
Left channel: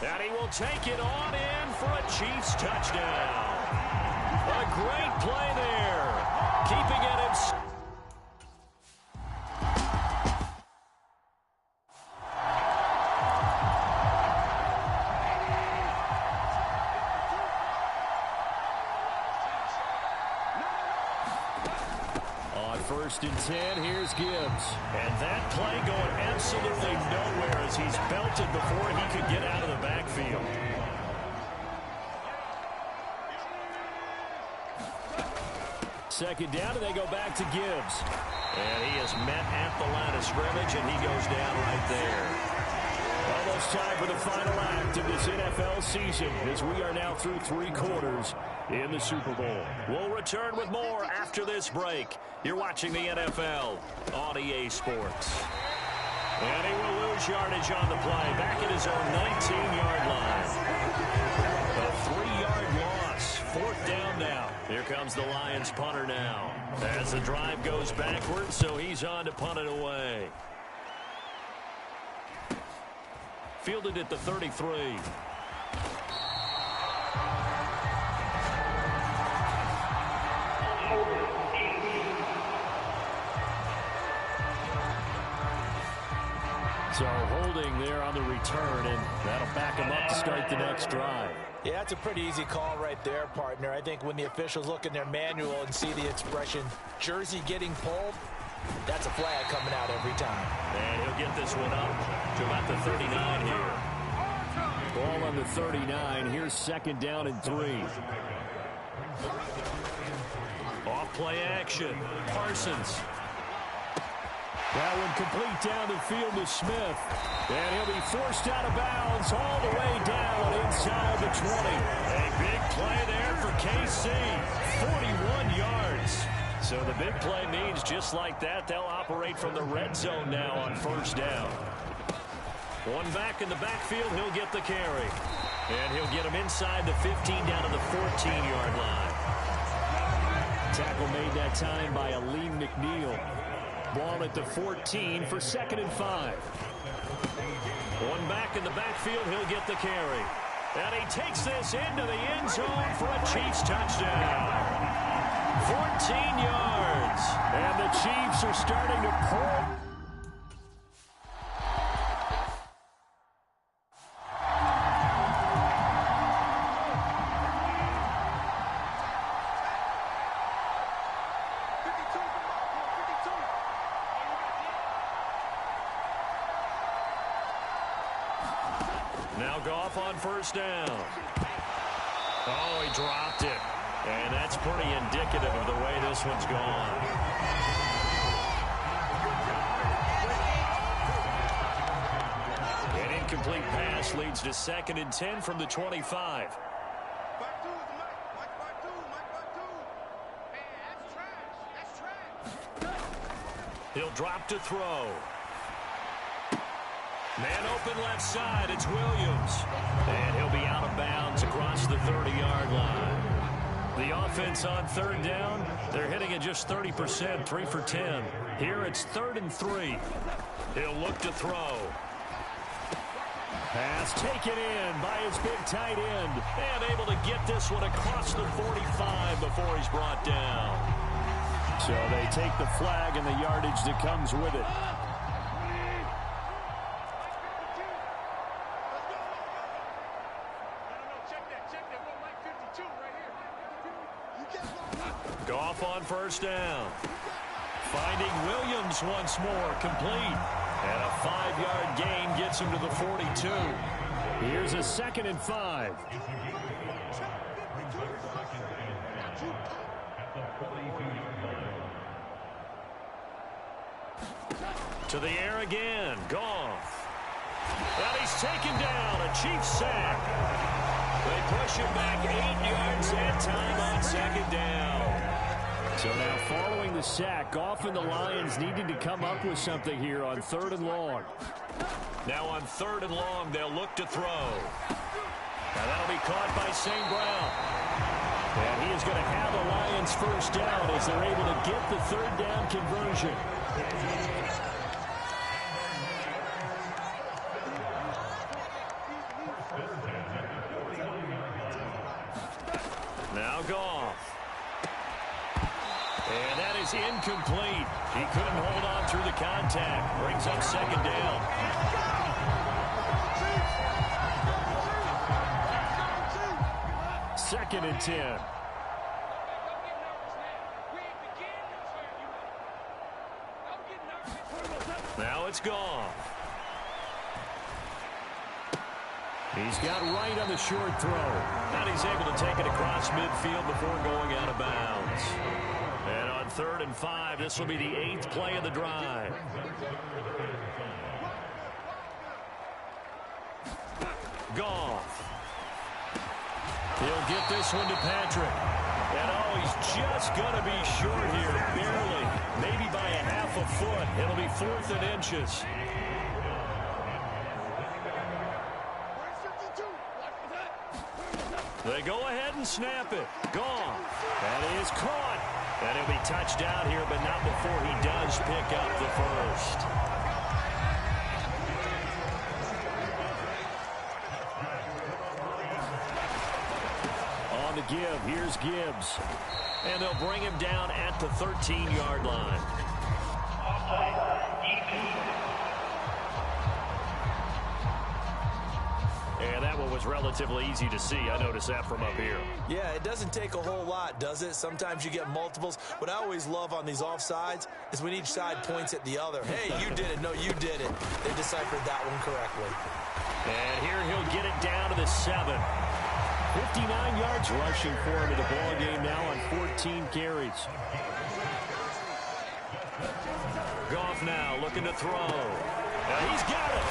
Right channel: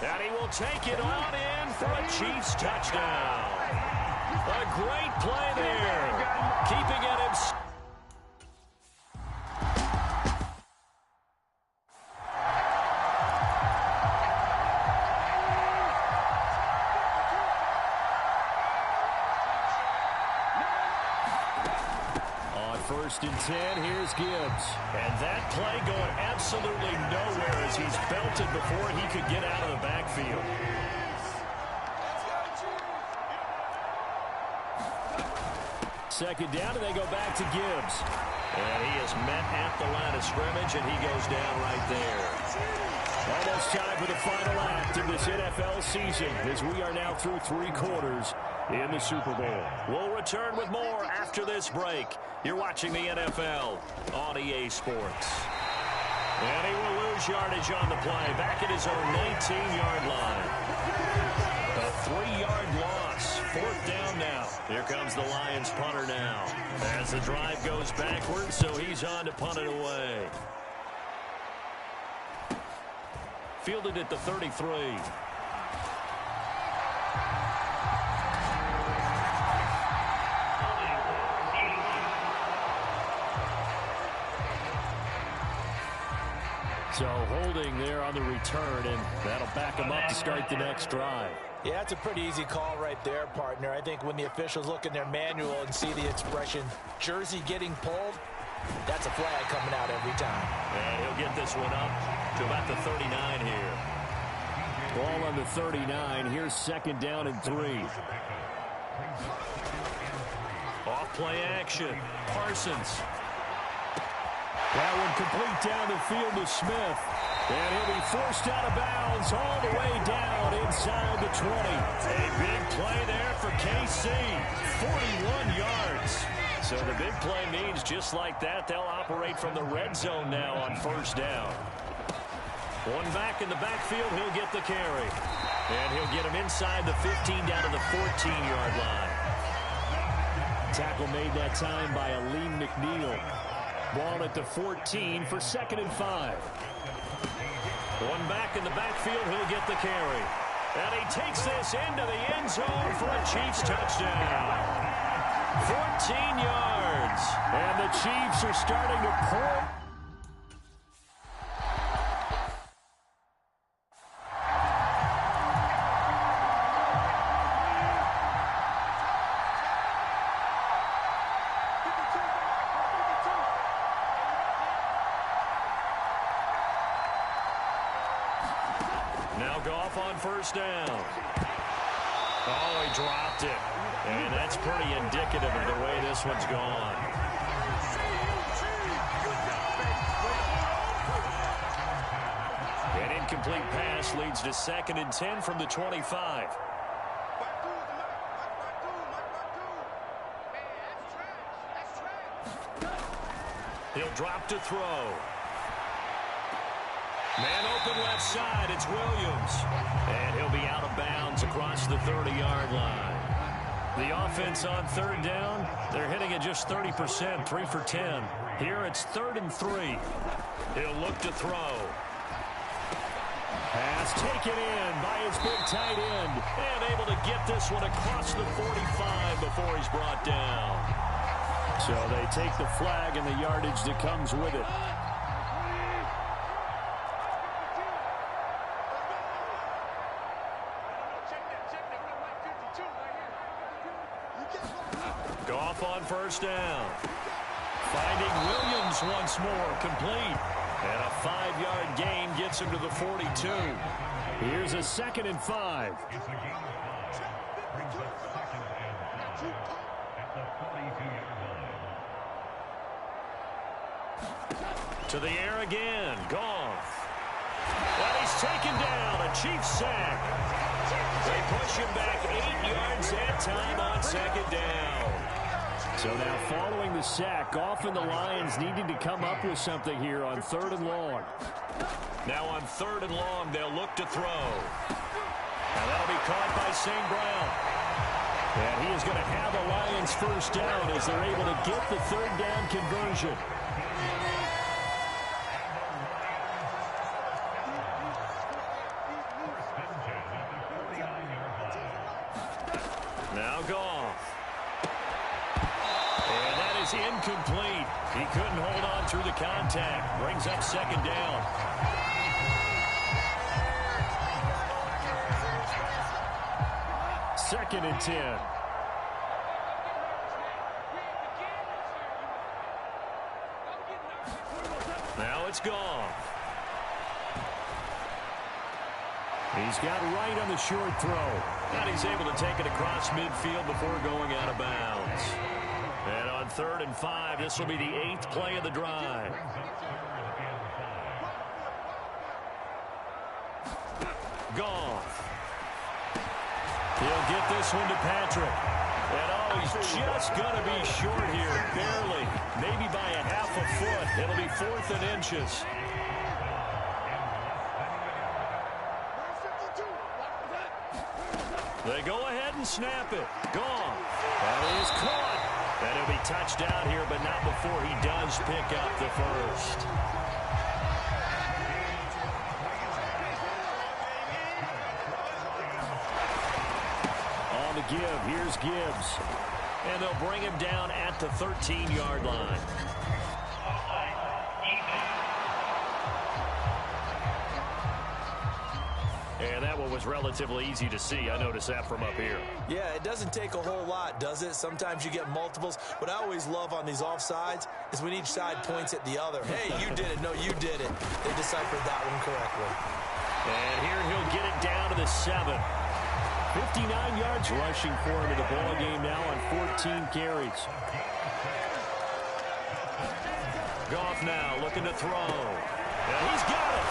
And he will take it on in for a Chiefs touchdown. A great play there. Keeping it in. On 1st and 10, here's Gibbs. And that play going absolutely nowhere as he's belted before he could get out of the backfield. Second down, and they go back to Gibbs. And he is met at the line of scrimmage, and he goes down right there. Almost time for the final act of this NFL season as we are now through 3 quarters in the Super Bowl. We'll return with more after this break. You're watching the NFL on EA Sports. And he will lose yardage on the play, back at his own 19-yard line. A 3-yard loss, 4th down now. Here comes the Lions punter now. As the drive goes backwards, so he's on to punt it away. Fielded at the 33. So holding there on the return, and that'll back him up to start the next drive. Yeah, that's a pretty easy call right there, partner. I think when the officials look in their manual and see the expression jersey getting pulled, that's a flag coming out every time. And he'll get this one up to about the 39 here. Ball on the 39. Here's 2nd down and 3. Off play action. Parsons. That one complete down the field to Smith. And he'll be forced out of bounds all the way down inside the 20. A big play there for KC. 41 yards. So the big play means just like that, they'll operate from the red zone now on 1st down. One back in the backfield, he'll get the carry. And he'll get him inside the 15 down to the 14-yard line. Tackle made that time by Aleem McNeil. Ball at the 14 for 2nd and 5. One back in the backfield, he'll get the carry. And he takes this into the end zone for a Chiefs touchdown. 14 yards. And the Chiefs are starting to pour. Now Goff on 1st down. Oh, he dropped it. And that's pretty indicative of the way this one's gone. An incomplete pass leads to 2nd and 10 from the 25. He'll drop to throw. Man open left side, it's Williams. And he'll be out of bounds across the 30-yard line. The offense on 3rd down, they're hitting at just 30%, 3 for 10. Here it's 3rd and 3. He'll look to throw. Pass taken in by his big tight end. And able to get this one across the 45 before he's brought down. So they take the flag and the yardage that comes with it. Goff on first down. Finding Williams once more, complete. And a 5-yard gain gets him to the 42. Here's a 2nd and 5. To the air again, Goff. And he's taken down, a Chiefs sack. They push him back 8 yards that time on 2nd down. So now following the sack, Goff and the Lions needing to come up with something here on 3rd and long. Now on 3rd and long, they'll look to throw. Now that'll be caught by St. Brown. And he is going to have a Lions first down as they're able to get the 3rd down conversion. Now Goff. And that is incomplete. He couldn't hold on through the contact. Brings up 2nd down. Second and 10. Now it's Goff. He's got right on the short throw. And he's able to take it across midfield before going out of bounds. And on 3rd and 5, this will be the 8th play of the drive. Goff. He'll get this one to Patrick. And oh, he's just going to be short here, barely. Maybe by a half a foot. It'll be 4th and inches. They go ahead and snap it. Goff. That is caught. And he'll be touched down here, but not before he does pick up the first. On the give, here's Gibbs. And they'll bring him down at the 13-yard line. And that one was relatively easy to see. I noticed that from up here. Yeah, it doesn't take a whole lot, does it? Sometimes you get multiples. What I always love on these offsides is when each side points at the other. Hey, you did it. No, you did it. They deciphered that one correctly. And here he'll get it down to the 7. 59 yards rushing for him in the ball game now on 14 carries. Goff now looking to throw. Now he's got it.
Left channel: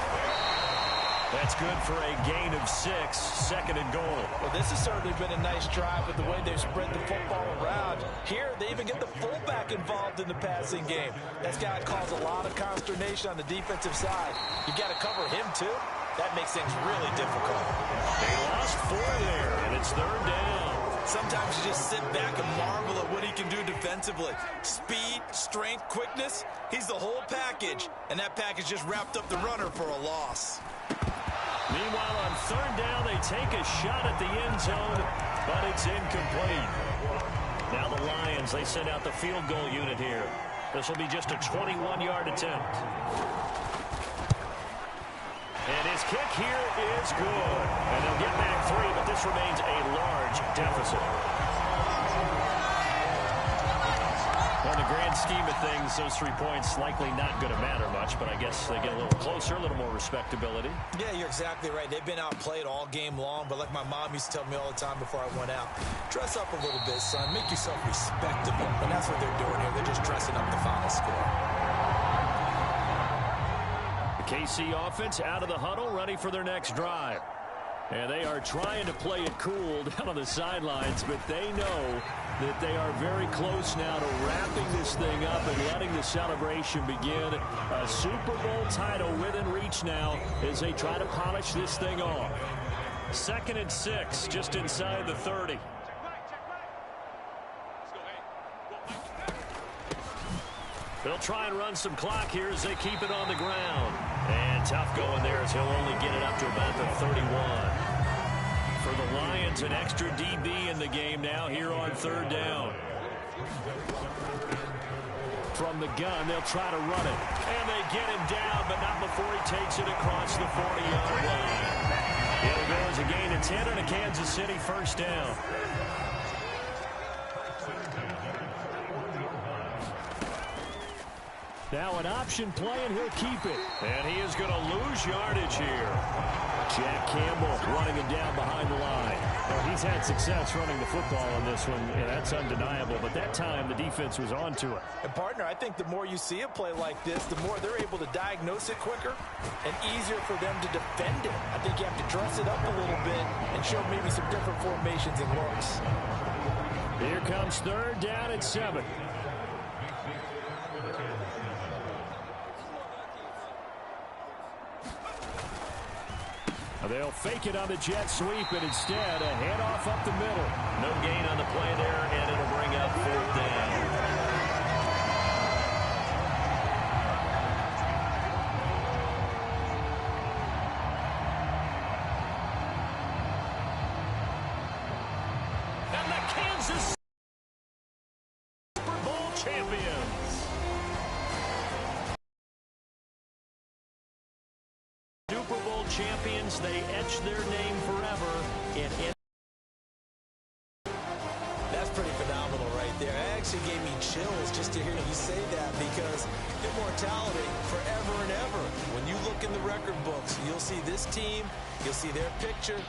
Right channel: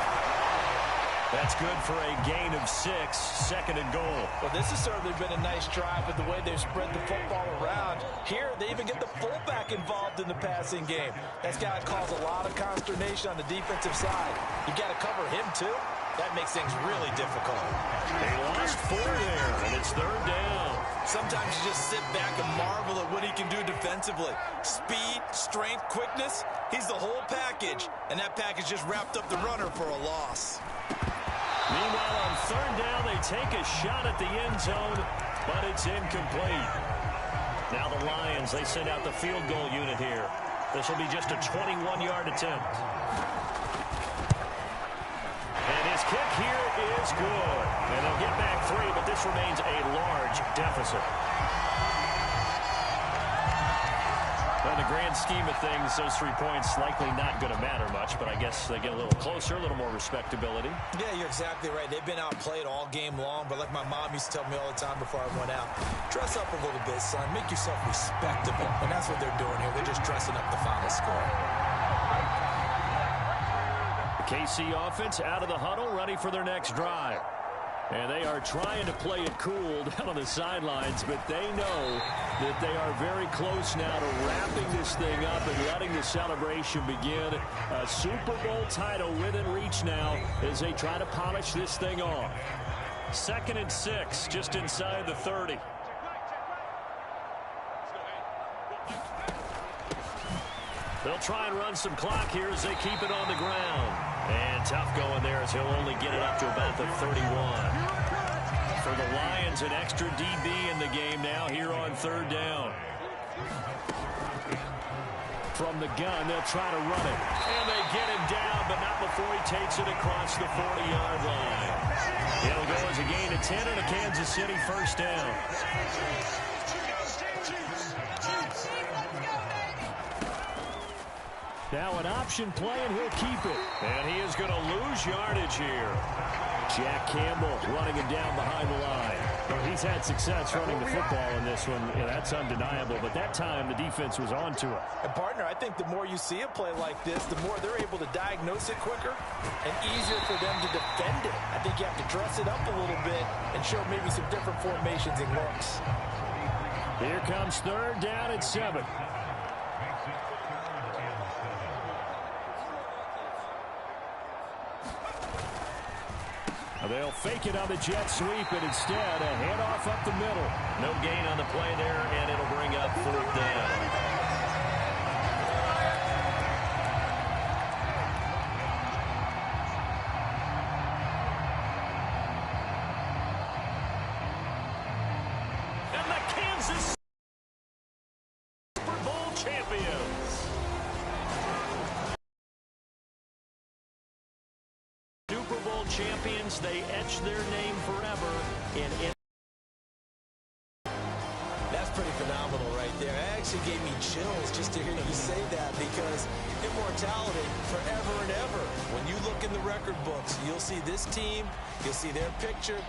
That's good for a gain of 6, 2nd and goal. Well, this has certainly been a nice drive with the way they've spread the football around. Here, they even get the fullback involved in the passing game. That's got to cause a lot of consternation on the defensive side. You got to cover him, too. That makes things really difficult. They lost 4 there, and it's 3rd down. Sometimes you just sit back and marvel at what he can do defensively. Speed, strength, quickness, he's the whole package. And that package just wrapped up the runner for a loss. Meanwhile, on 3rd down, they take a shot at the end zone, but it's incomplete. Now the Lions, they send out the field goal unit here. This will be just a 21-yard attempt. And his kick here is good. And they'll get back 3, but this remains a large deficit. Well, in the grand scheme of things, those 3 points likely not going to matter much, but I guess they get a little closer, a little more respectability. Yeah, you're exactly right. They've been outplayed all game long, but like my mom used to tell me all the time before I went out, dress up a little bit, son. Make yourself respectable. And that's what they're doing here. They're just dressing up the final score. The KC offense out of the huddle, ready for their next drive. And they are trying to play it cool down on the sidelines, but they know that they are very close now to wrapping this thing up and letting the celebration begin. A Super Bowl title within reach now as they try to polish this thing off. 2nd and 6, just inside the 30. They'll try and run some clock here as they keep it on the ground. And tough going there as he'll only get it up to about the 31. For the Lions, an extra DB in the game now here on third down. From the gun, they'll try to run it. And they get him down, but not before he takes it across the 40-yard line. It'll go as a gain of 10 and a Kansas City first down. Now an option play, and he'll keep it. And he is going to lose yardage here. Jack Campbell running him down behind the line. Well, he's had success running the football in this one, and that's undeniable. But that time, the defense was on to it. And, partner, I think the more you see a play like this, the more they're able to diagnose it quicker and easier for them to defend it. I think you have to dress it up a little bit and show maybe some different formations and looks. Here comes third down at 7. They'll fake it on the jet sweep, and instead a handoff up the middle. No gain on the play there, and it'll bring up fourth down. And the Kansas Super Bowl champions. Super Bowl champions, they etch their name forever in. That's pretty phenomenal right there. It actually gave me chills just to hear you say that, because immortality forever and ever. When you look in the record books, you'll see this team, you'll see their picture,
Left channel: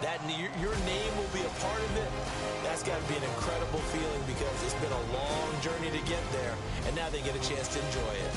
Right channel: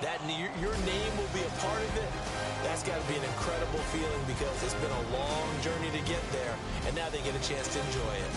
that your name will be a part of it. That's got to be an incredible feeling, because it's been a long journey to get there, and now they get a chance to enjoy it.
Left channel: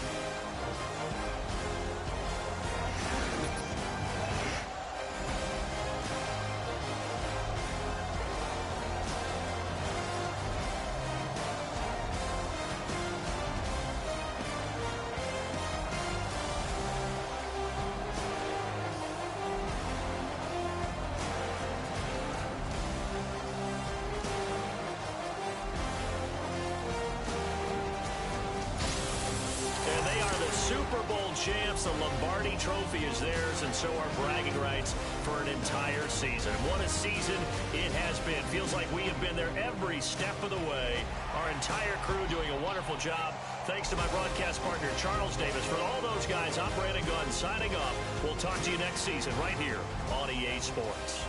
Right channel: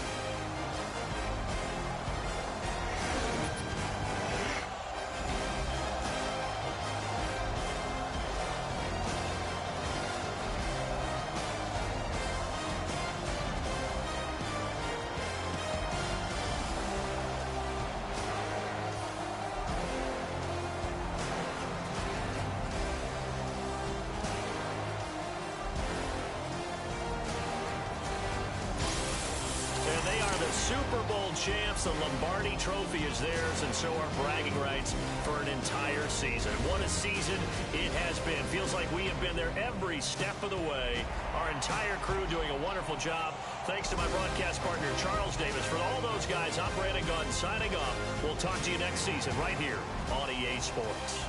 They are the Super Bowl champs. The Lombardi Trophy is theirs, and so are bragging rights for an entire season. What a season it has been. Feels like we have been there every step of the way. Our entire crew doing a wonderful job. Thanks to my broadcast partner, Charles Davis. For all those guys, I'm Brandon Gunn signing off. We'll talk to you next season right here on EA Sports.